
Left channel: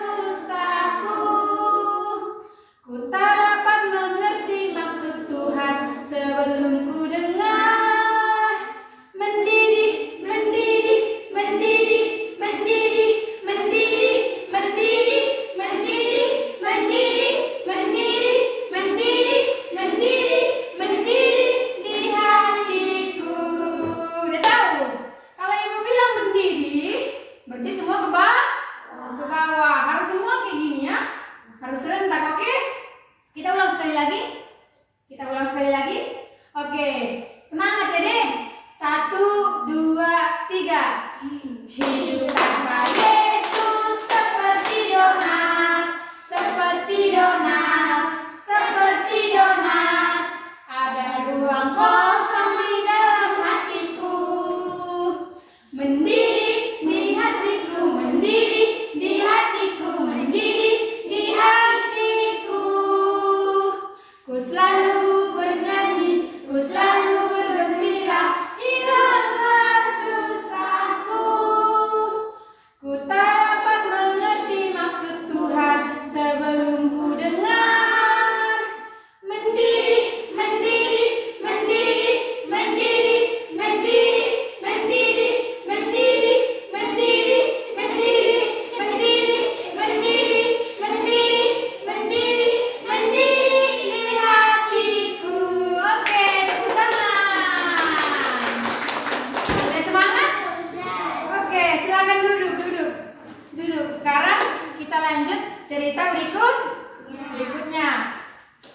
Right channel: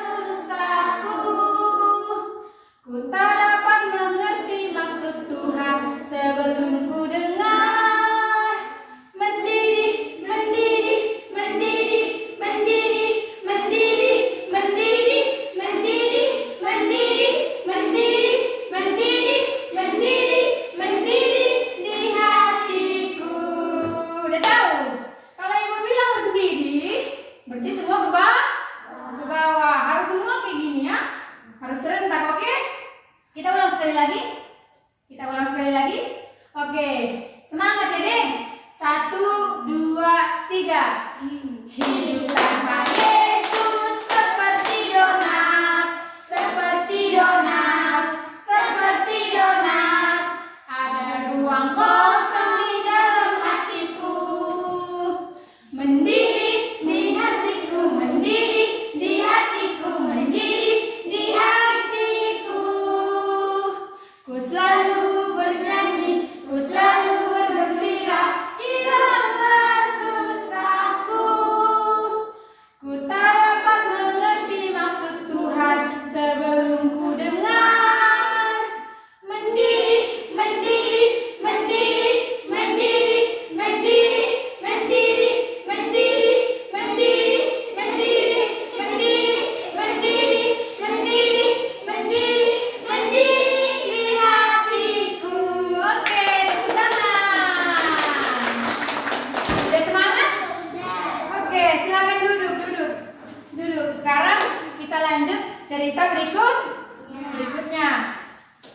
berikutnya.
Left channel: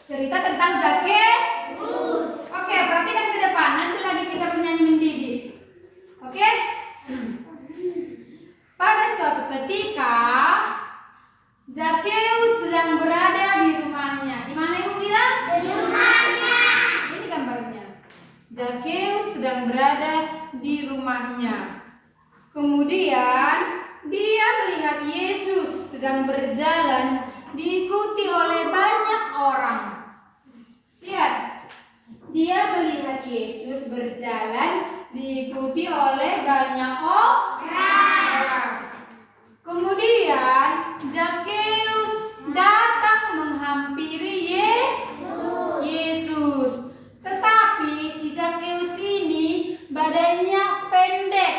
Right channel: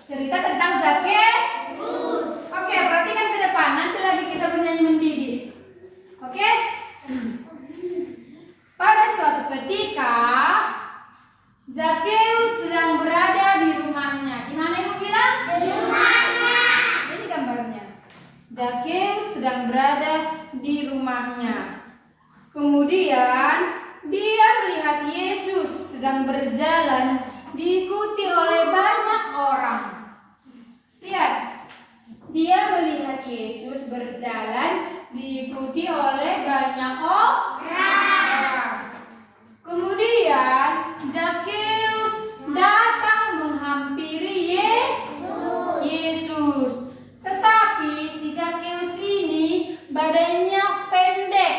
Cerita tentang Zakheus. Oke, perhatikan ke depan. Nanti lagi kita bernyanyi mendidih. Oke? Pada suatu ketika Zakheus sedang berada di rumahnya. Di mana Ibu bilang? Di rumahnya. Ini gambarnya. Zakheus sedang berada di rumahnya. Kemudian dia melihat Yesus sedang berjalan diikuti oleh banyak orang. Lihat, dia melihat Yesus berjalan diikuti oleh banyak orang. Kemudian Zakheus datang menghampiri Yesus. Tetapi si Zakheus ini badannya pendek.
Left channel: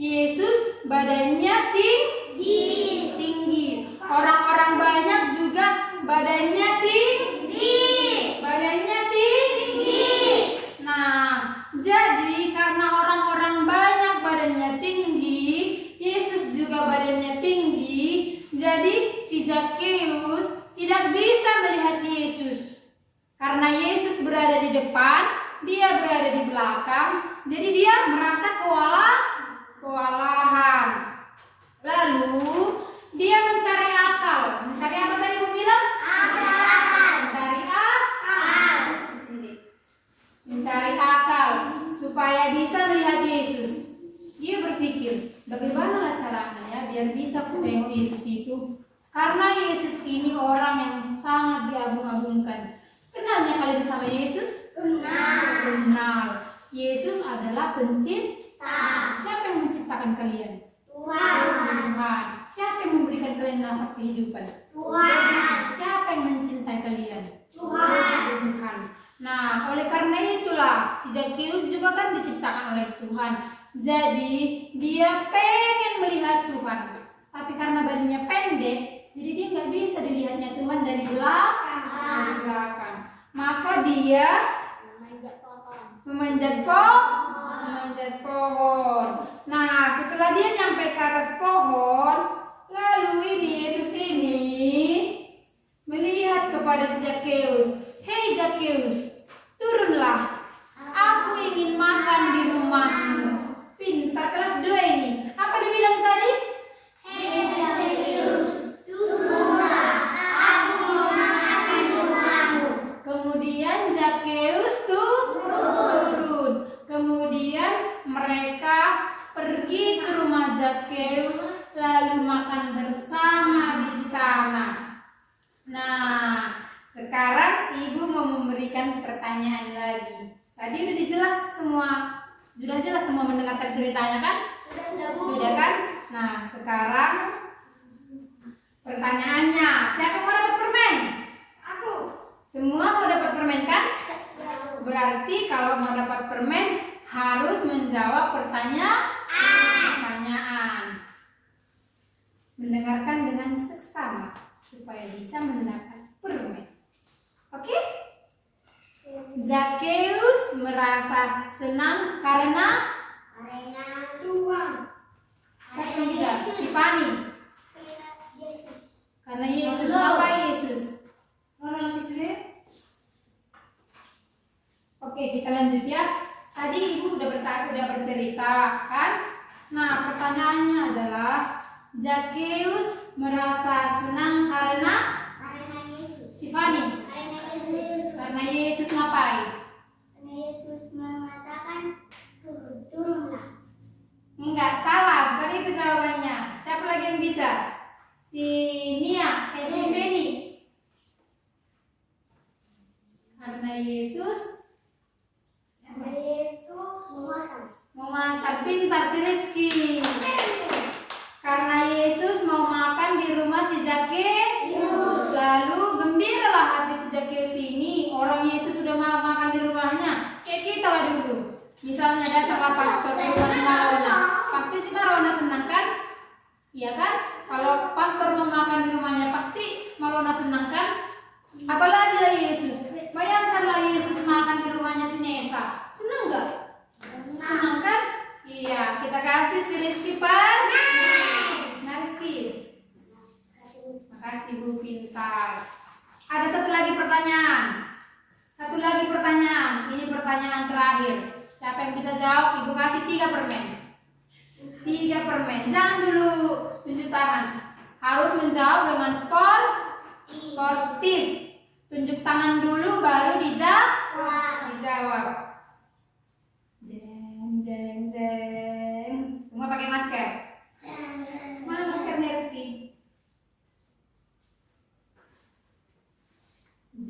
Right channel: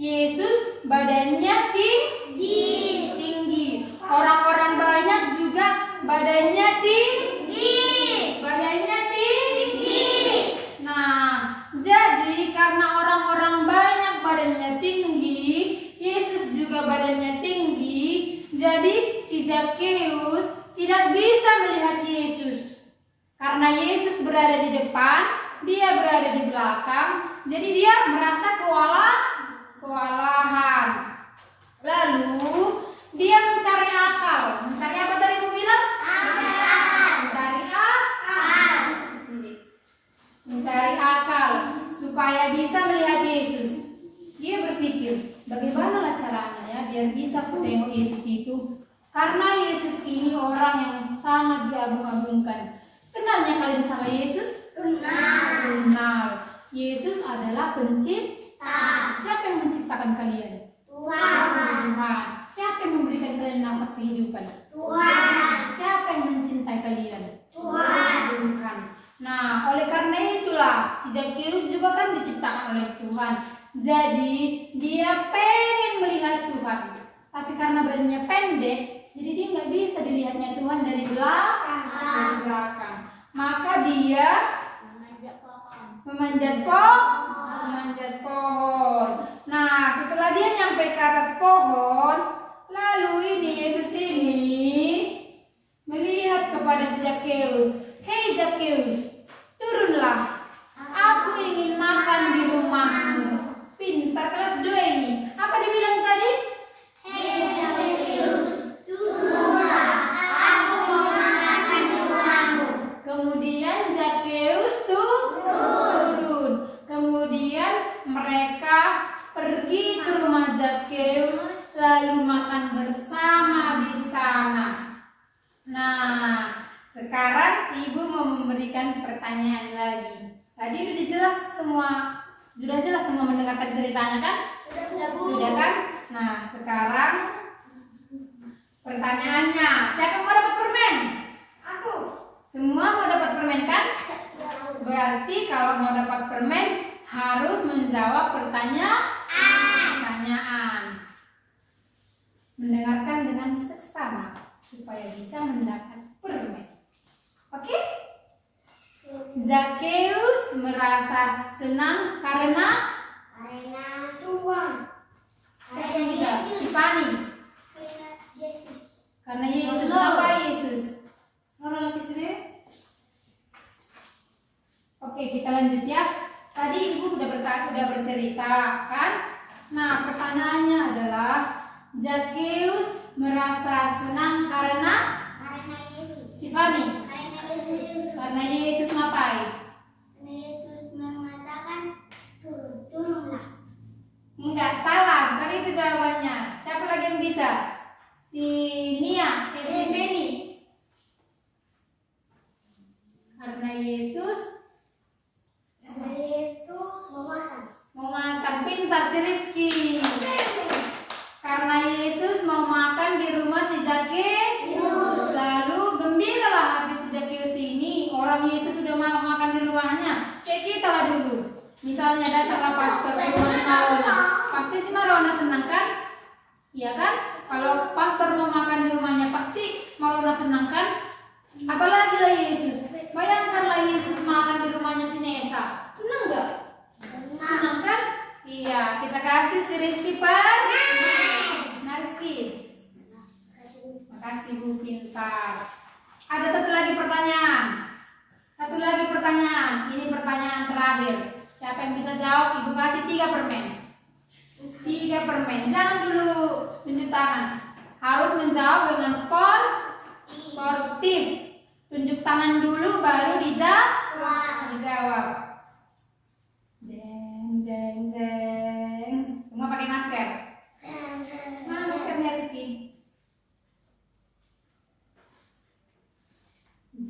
Yesus badannya tinggi. Orang-orang banyak juga badannya tinggi. Nah, jadi karena orang-orang banyak badannya tinggi, Yesus juga badannya tinggi. Jadi si Zakheus tidak bisa melihat Yesus. Karena Yesus berada di depan, dia berada di belakang. Jadi dia merasa kewalahan. Lalu dia mencari akal. Mencari apa tadi Ibu bilang? Mencari akal supaya bisa melihat Yesus. Dia berpikir, bagaimana caranya ya biar bisa tengok Yesus itu? Karena Yesus ini orang yang sangat diagung-agungkan. Kenalnya kalian sama Yesus? Kenal. Yesus adalah pencipta. Siapa yang menciptakan kalian? Tuhan. Siapa yang memberikan kalian nafas kehidupan? Tuhan. Siapa yang mencintai kalian? Tuhan. Nah, oleh karena itulah si Zakheus juga kan diciptakan oleh Tuhan. Jadi dia pengen melihat Tuhan. Tapi karena badannya pendek, jadi dia nggak bisa dilihatnya Tuhan dari belakang. Maka dia memanjat pohon. Nah, setelah dia nyampe ke atas pohon, lalu ini Yesus ini melihat kepada si Zakheus. Hei Zakheus, turunlah. Aku ingin makan di rumahmu. Pintar kelas 2 ini. Apa dibilang tadi? Hei Zakheus, turunlah. Aku mau makan di rumahmu. Kemudian Zakheus turun. Kemudian mereka pergi ke rumah Zakheus lalu makan bersama di sana. Nah, sekarang Ibu mau memberikan pertanyaan lagi. Tadi sudah jelas semua mendengarkan ceritanya kan? Sudah kan? Nah, sekarang pertanyaannya, siapa yang mau dapat permen? Aku. Semua mau dapat permen kan? Berarti kalau mau dapat permen harus menjawab pertanyaan. Mendengarkan dengan seksama supaya bisa mendapat permen. Oke? Zakheus merasa senang karena Tuhan. Tiffany. Yesus. Karena Yesus. Apa Yesus? Oke, kita lanjut ya. Tadi Ibu udah bercerita kan? Nah, pertanyaannya adalah Zakheus merasa senang karena Yesus. Tiffany. Yesus. Karena Yesus ngapain? Karena Yesus mengatakan turunlah. Enggak, salah. Bukan itu jawabannya. Siapa lagi yang bisa? Si Nia, si Benny. Karena Yesus mau makan. Pintar si Rizky. Karena Yesus mau makan di rumah si Zakheus. Lalu gembiralah hati si Zakheus ini. Orang Yesus sudah mau makan di rumahnya. Kayak kita lah dulu. Misalnya datanglah pastor ke rumah si Marona. Pasti si Marona senang kan? Iya kan? Kalau pastor mau makan di rumahnya pasti Marona senang kan? Apalagi lah Yesus. Bayangkanlah Yesus makan di rumahnya si Nesa. Senang nggak? Senang kan? Iya, kita kasih si Rizky Pak. Nah Rizky. Makasih Bu, pintar. Bentar. Ada satu lagi pertanyaan. Ini pertanyaan terakhir. Siapa yang bisa jawab? Ibu kasih 3 permen. 3 permen. Jangan dulu tunjuk tangan. Harus menjawab dengan sportif. Tunjuk tangan dulu baru dijawab. Jeng jeng jeng. Semua pakai masker. Mana maskernya Rizky?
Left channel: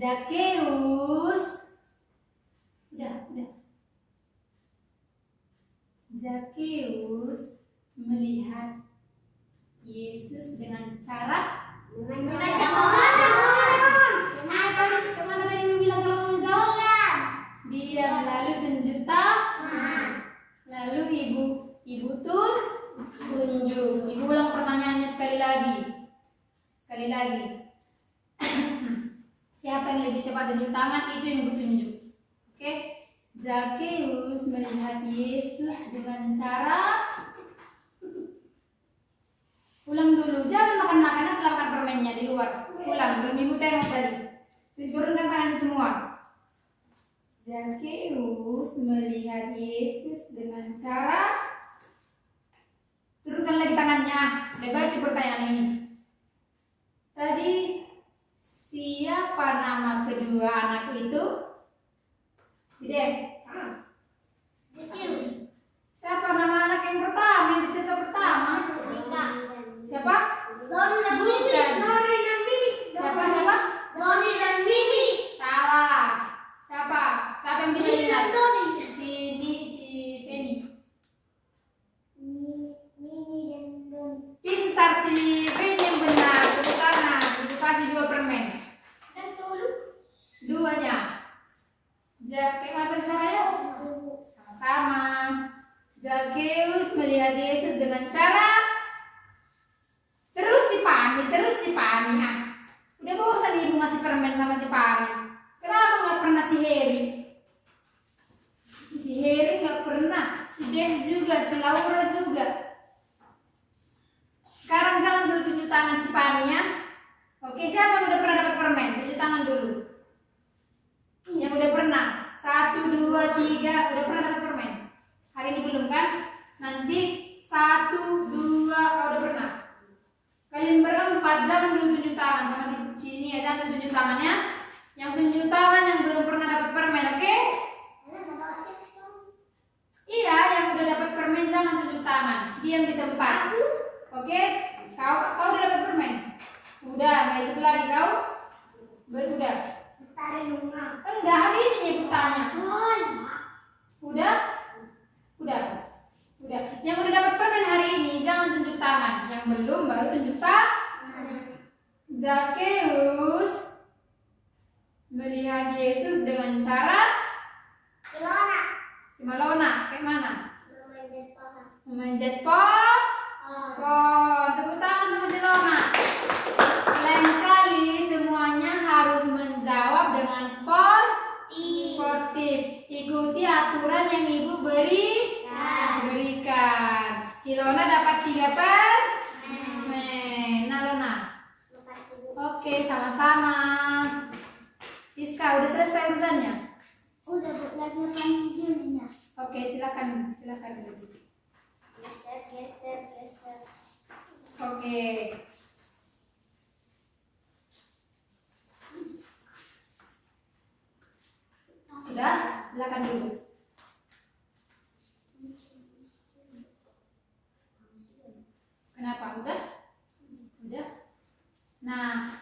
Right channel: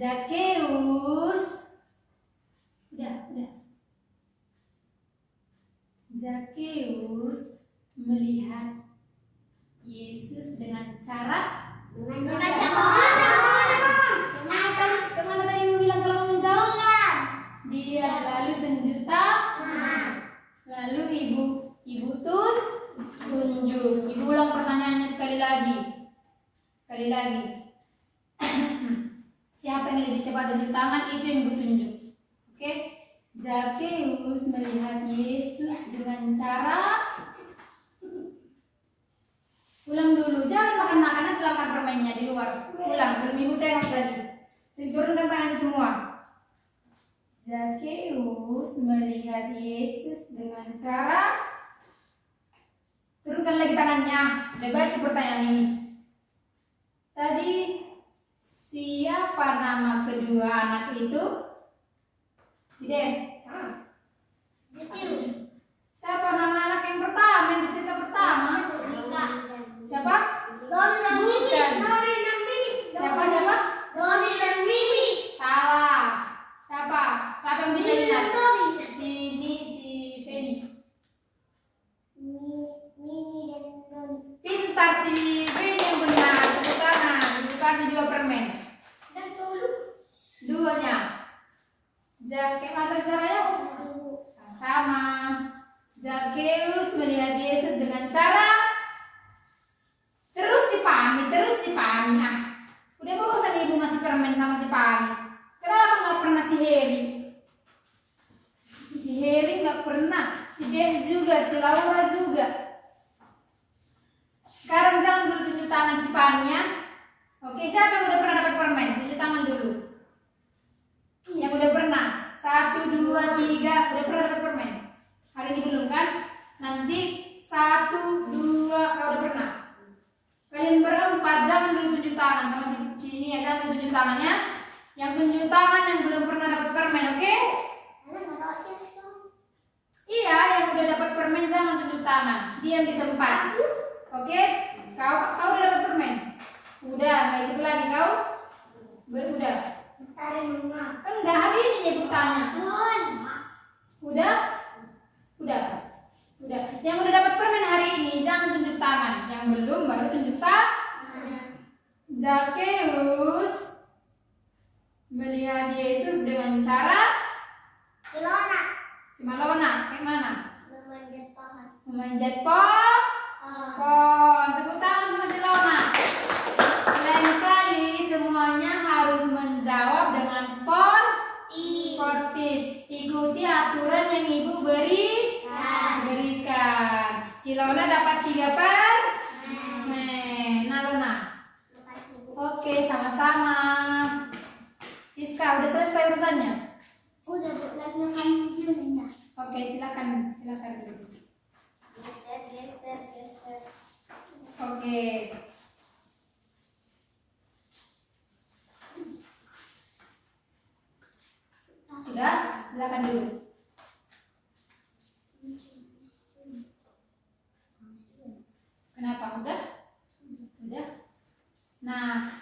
Zakeus. Udah. Zakeus melihat Yesus dengan cara Membaca pohon. Kemana tadi ibu bilang kalau mau menjawab? Dia lalu tunjuk tangan. Lalu ibu tunjuk. Ibu ulang pertanyaannya sekali lagi. Siapa yang lebih cepat tunjuk tangan itu yang ibu tunjuk. Oke? Zakeus melihat Yesus dengan cara. Ulang dulu, jangan makan makanan, makan permennya di luar. Ulang, belum ibu tengok tadi. Turunkan tangannya semua. Zakeus melihat Yesus dengan cara. Turunkan lagi tangannya. Bebas pertanyaan ini. Tadi siapa nama kedua anak itu? Siden. Siapa nama anak yang pertama, yang cerita pertama? Siapa? Doni dan Mimi. Siapa? Doni dan Mimi. Salah. Siapa yang bisa Mimi dan lihat? Doni. Si Feni. Mimi dan Doni. Pintar si Feni yang benar. Tepuk tangan. Ibu kasih 2 permen. Dan Tolu. 2-nya. Gimana caranya? Sama. Zakeus melihat Yesus dengan cara terus dipani. Udah bosan ibu masih permen sama si Pani. Kenapa nggak pernah si Heri? Si Heri nggak pernah. Si Dev juga, si Laura juga. Sekarang jangan dulu tunjuk tangan si Pani ya. Oke, siapa yang udah pernah dapat permen? Tunjuk tangan dulu. Yang udah pernah. 1, 2, 3 udah pernah dapat permen. Hari ini belum kan? Nanti 1, 2 kalau udah pernah. Kalian berempat jangan dulu tunjuk tangan sama sini ya, jangan tunjuk tangannya. Yang tunjuk tangan yang belum pernah dapat permen, oke? Iya, yang udah dapat permen jangan tunjuk tangan. Diam di tempat. Oke? Kau udah dapat permen? Udah, nggak ikut lagi kau? Udah. Enggak, hari ini ya bertanya. Udah. Yang udah dapat permen hari ini jangan tunjuk tangan. Yang belum baru tunjuk tangan. Zakeus melihat Yesus dengan cara Simalona. Kayak mana? Memanjat pohon. Tepuk tangan sama Silona. Lain kali semuanya harus menjawab dengan sportif. Ikuti aturan yang ibu berikan. Silona dapat 3 permen. Nah, Lona. Oke, sama-sama. Siska, udah selesai urusannya? Udah, lagi main videonya. Oke, silakan. Geser. Oke. Sudah? Silakan dulu. Kenapa? Udah? Nah,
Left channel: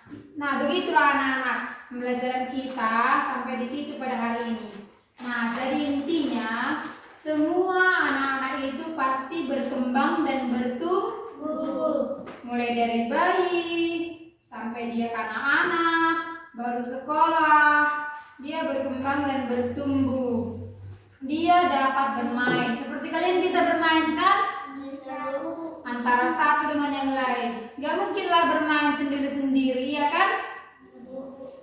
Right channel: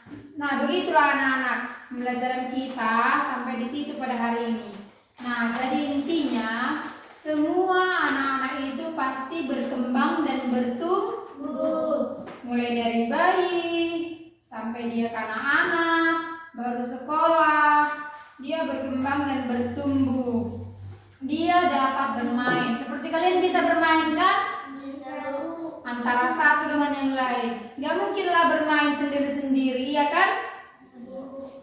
begitulah anak-anak pembelajaran kita sampai di situ pada hari ini. Nah, jadi intinya semua anak-anak itu pasti berkembang dan bertumbuh. Mulai dari bayi sampai dia kanak-anak, baru sekolah, dia berkembang dan bertumbuh. Dia dapat bermain. Seperti kalian bisa bermain kan? Antara satu dengan yang lain. Gak mungkinlah bermain sendiri-sendiri, ya kan?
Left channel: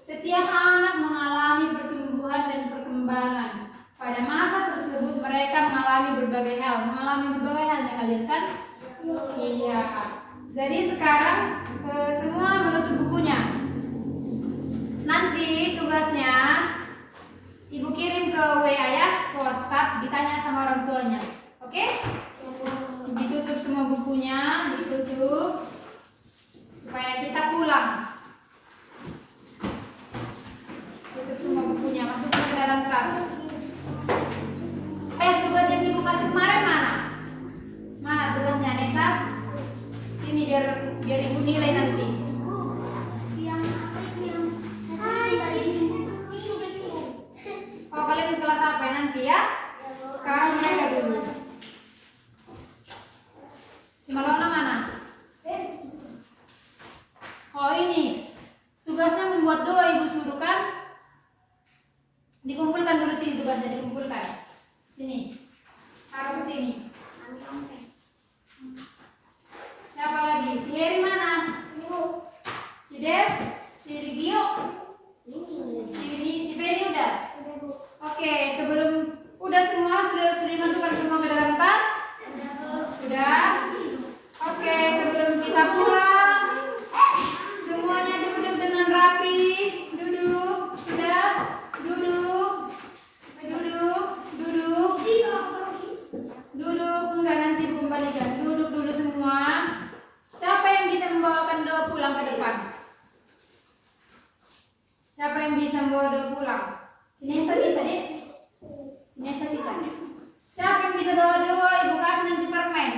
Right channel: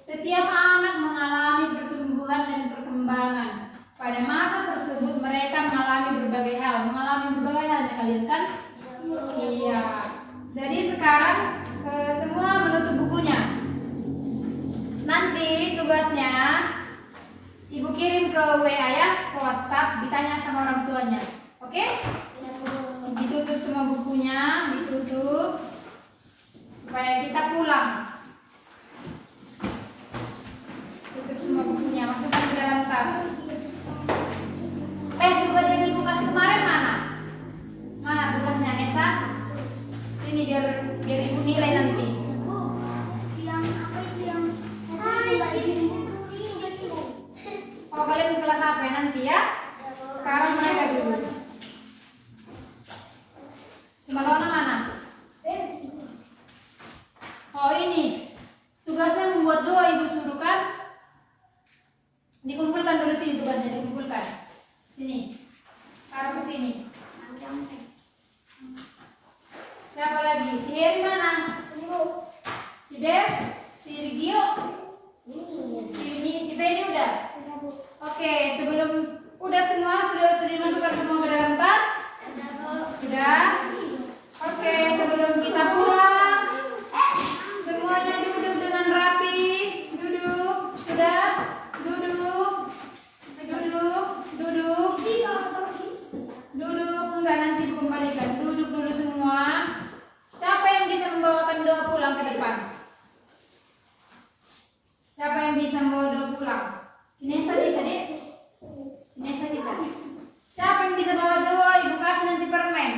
Setiap anak mengalami pertumbuhan dan perkembangan. Pada masa tersebut mereka mengalami berbagai hal ya kalian kan? Iya. Jadi sekarang semua menutup bukunya. Nanti tugasnya Ibu kirim ke WA ya, ke WhatsApp, ditanya sama orang tuanya. Oke? Ditutup semua bukunya, ditutup supaya kita pulang. Tutup semua bukunya, masukkan ke dalam tas. Tugas yang Ibu kasih kemarin mana? Mana tugasnya, Nesa? Sini biar Ibu nilai nanti. Oh, kalian di kelas apa ya nanti ya? Sekarang mereka dulu. Simalona mana? Oh, ini tugasnya membuat doa Ibu suruh kan? Dikumpulkan dulu sini tugasnya, dikumpulkan. Sini. Taruh ke sini. Siapa lagi? Si Heri mana? Si Dev? Si Rigio? Si Penny udah? Oke, sebelum udah semua sudah dimasukkan semua ke dalam tas? Sudah? Oke, sebelum kita pulang semuanya duduk dengan rapi. Duduk. Sudah? Duduk. Enggak, nanti dikembalikan. Duduk dulu semua. Siapa yang bisa membawakan doa pulang ke depan? Siapa yang bisa membawa doa pulang? Nesa bisa, Dek? Nesa bisa. Siapa yang bisa bawa doa? Ibu kasih nanti permen.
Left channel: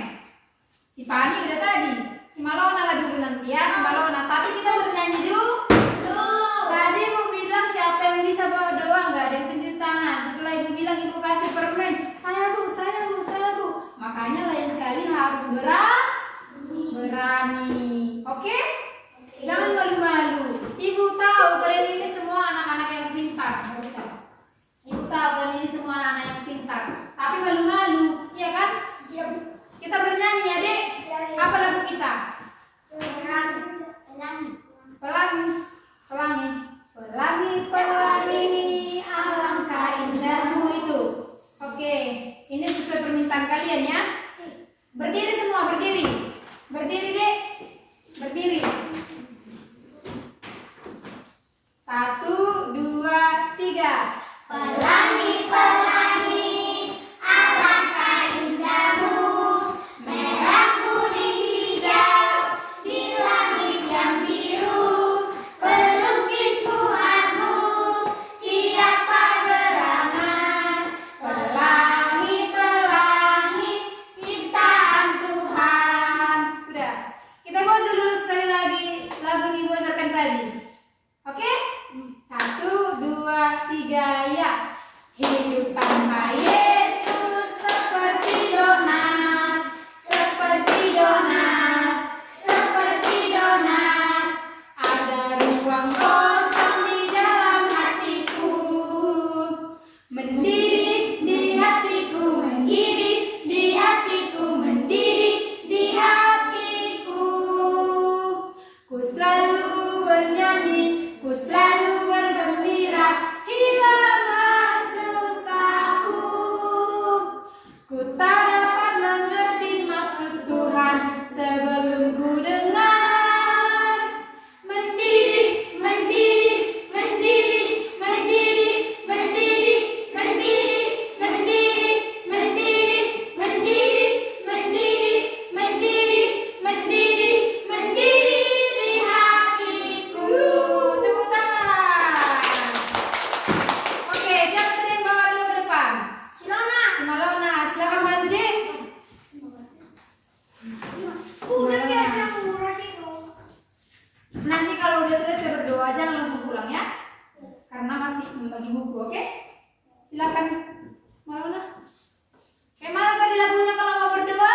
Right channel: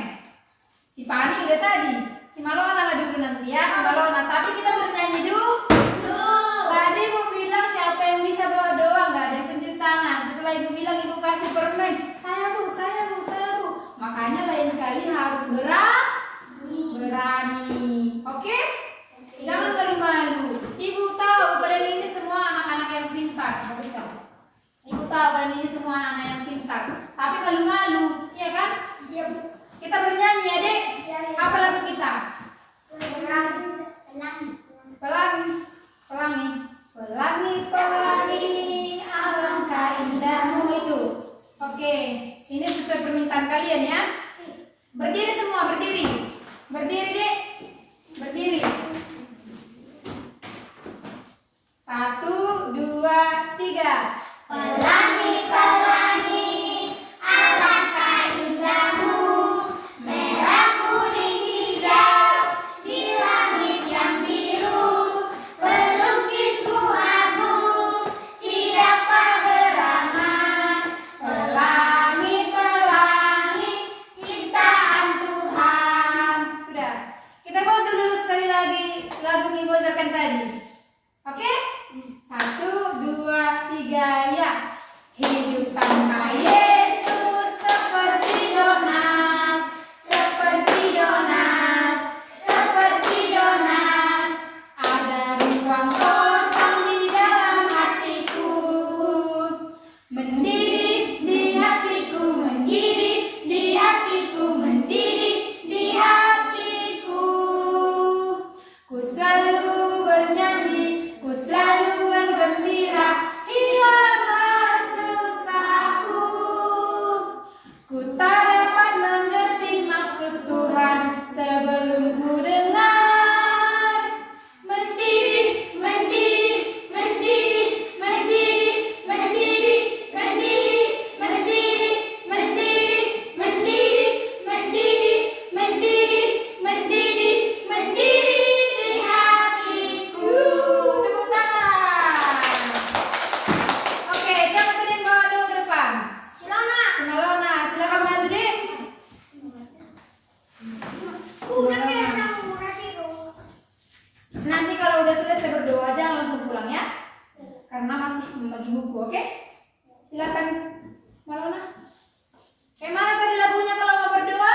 Si Pani udah tadi. Si Malona lah dulu nanti ya. Si Malona. Tapi kita bernyanyi dulu. Tadi Ibu bilang siapa yang bisa bawa doa, nggak ada yang tunjuk tangan. Setelah Ibu bilang Ibu kasih permen, saya bu. Makanya lain kali harus berani. Oke? Jangan malu-malu. Ibu tahu kalian ini semua anak-anak yang pintar. Ibu tahu kalian ini semua anak-anak yang pintar. Tapi malu-malu, iya kan? Iya. Kita bernyanyi ya, Dek. Apa lagu kita? Pelangi, alangkah indahmu itu. Oke, ini sesuai permintaan kalian ya. Berdiri semua, berdiri. Berdiri, Dek. Berdiri. 1, 2, 3. Pelangi, pelangi, alangkah indahmu, merah, kuning, hijau, di langit yang biru, pelukismu agung, siapa beramah. Pelangi, pelangi, ciptaan Tuhan. Sudah. Kita bawa dulu sekali lagi lagu yang Ibu ajarkan tadi. Oke? 1, 2, 3, ya. Hidup tanpa Yesus seperti donat, seperti donat, seperti donat. Ada ruang kosong di dalam hatiku, mendidih di hatiku, mendidih di hatiku, mendidih di hatiku. Ku selalu bernyanyi, ku selalu bergembira, hilanglah susahku. Ku tak dapat mengerti maksud Tuhan sebelum ku dengar. Mendidih, mendidih, mendidih, mendidih, mendidih, mendidih, mendidih, mendidih, mendidih, mendidih, mendidih, mendidih, mendidih di hatiku. Tepuk tangan. Oke, siapa tadi yang bawa doa ke depan? Malona, silakan maju, Dek. Nanti kalau udah selesai berdoa jangan langsung pulang ya, karena masih membagi buku, oke? Silakan, Malona. Mana tadi lagunya kalau mau berdoa?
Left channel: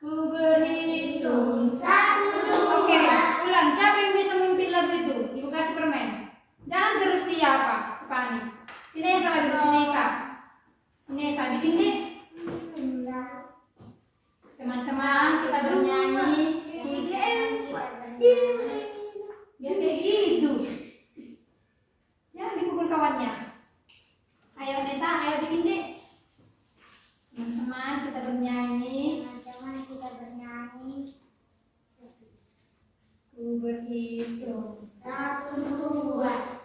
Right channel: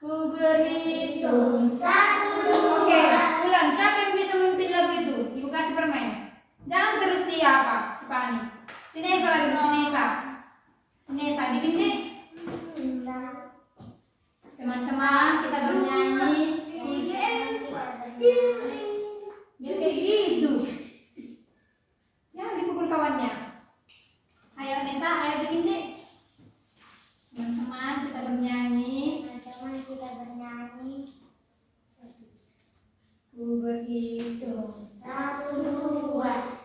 Ku berhitung. 1, 2. Oke, ulang. Siapa yang bisa memimpin lagu itu? Ibu kasih permen. Jangan terus siapa? Si Pani. Si Nesa lagi, si Nesa. Si Nesa, bikin deh. Teman-teman, kita bernyanyi. Ya kayak gitu. Jangan dipukul kawannya. Ayo Nesa, ayo bikin deh. Teman-teman, kita bernyanyi. Ku berhitung. 1, 2.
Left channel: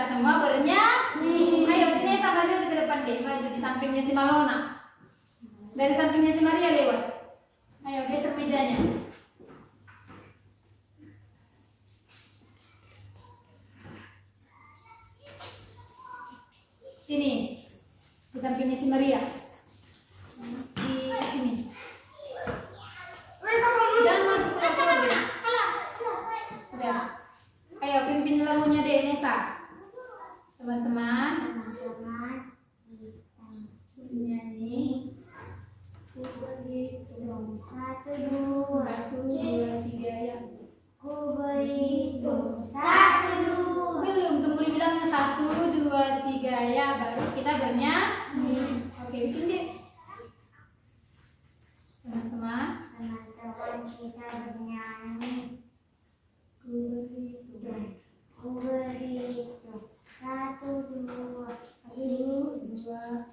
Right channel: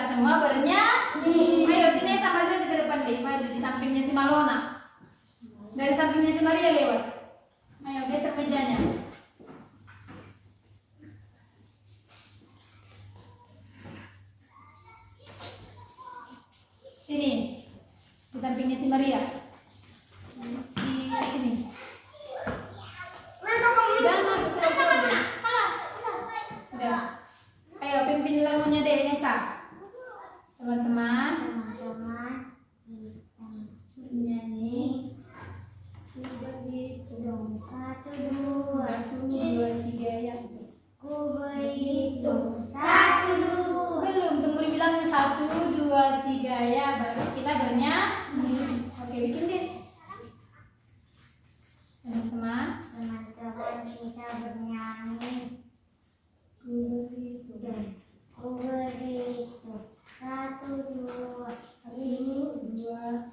kita semua bernyanyi. Ayo sini sama aja ke depan deh, maju di sampingnya si Malona. Dari sampingnya si Maria lewat. Ayo geser mejanya. Sini. Di sampingnya si Maria. Di sini. Jangan masuk ke dalam. Udah. Ayo pimpin lagunya deh Nesa. Teman-teman. Nyanyi. Ku berhitung 1, 2, 3 ya. Ku berhitung 1, 2. Belum, tunggu dibilangnya 1, 2, 3 ya. Baru kita bernyanyi. Oke, bikin deh. Teman-teman. Teman-teman kita bernyanyi. Ku berhitung. Ku berhitung 1, 2, 1, 2.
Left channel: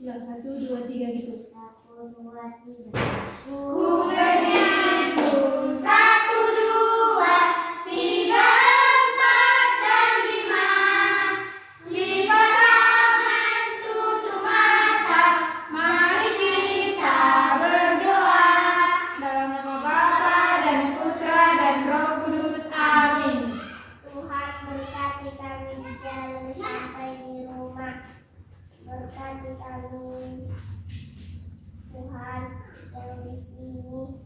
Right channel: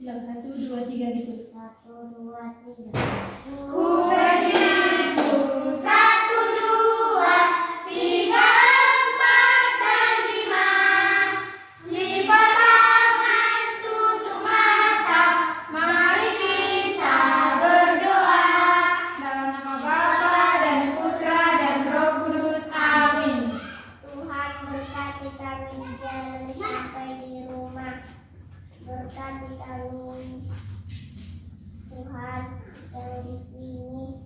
Bilang 1, 2, 3 gitu. 1, 2, 3. Ku berhitung 1, 2, 3, 4 dan 5. Lipat tangan, tutup mata. Mari kita berdoa dalam nama Bapa dan Putra dan Roh Kudus. Amin. Tuhan berkati kami di jalan sampai di rumah. Berkati kami, Tuhan yang di sini.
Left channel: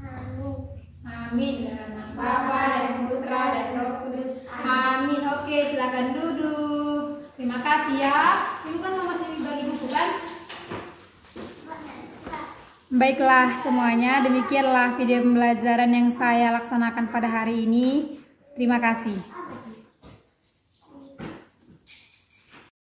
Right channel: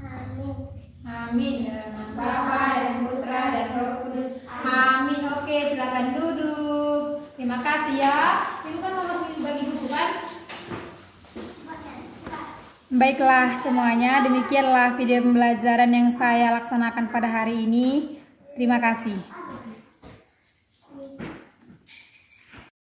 Amin. Amin. Dalam nama Bapa dan Putra dan Roh Kudus. Amin. Oke, silakan duduk. Terima kasih ya. Ibu kan masih bagi buku kan? Baiklah semuanya, demikianlah video pembelajaran yang saya laksanakan pada hari ini. Terima kasih.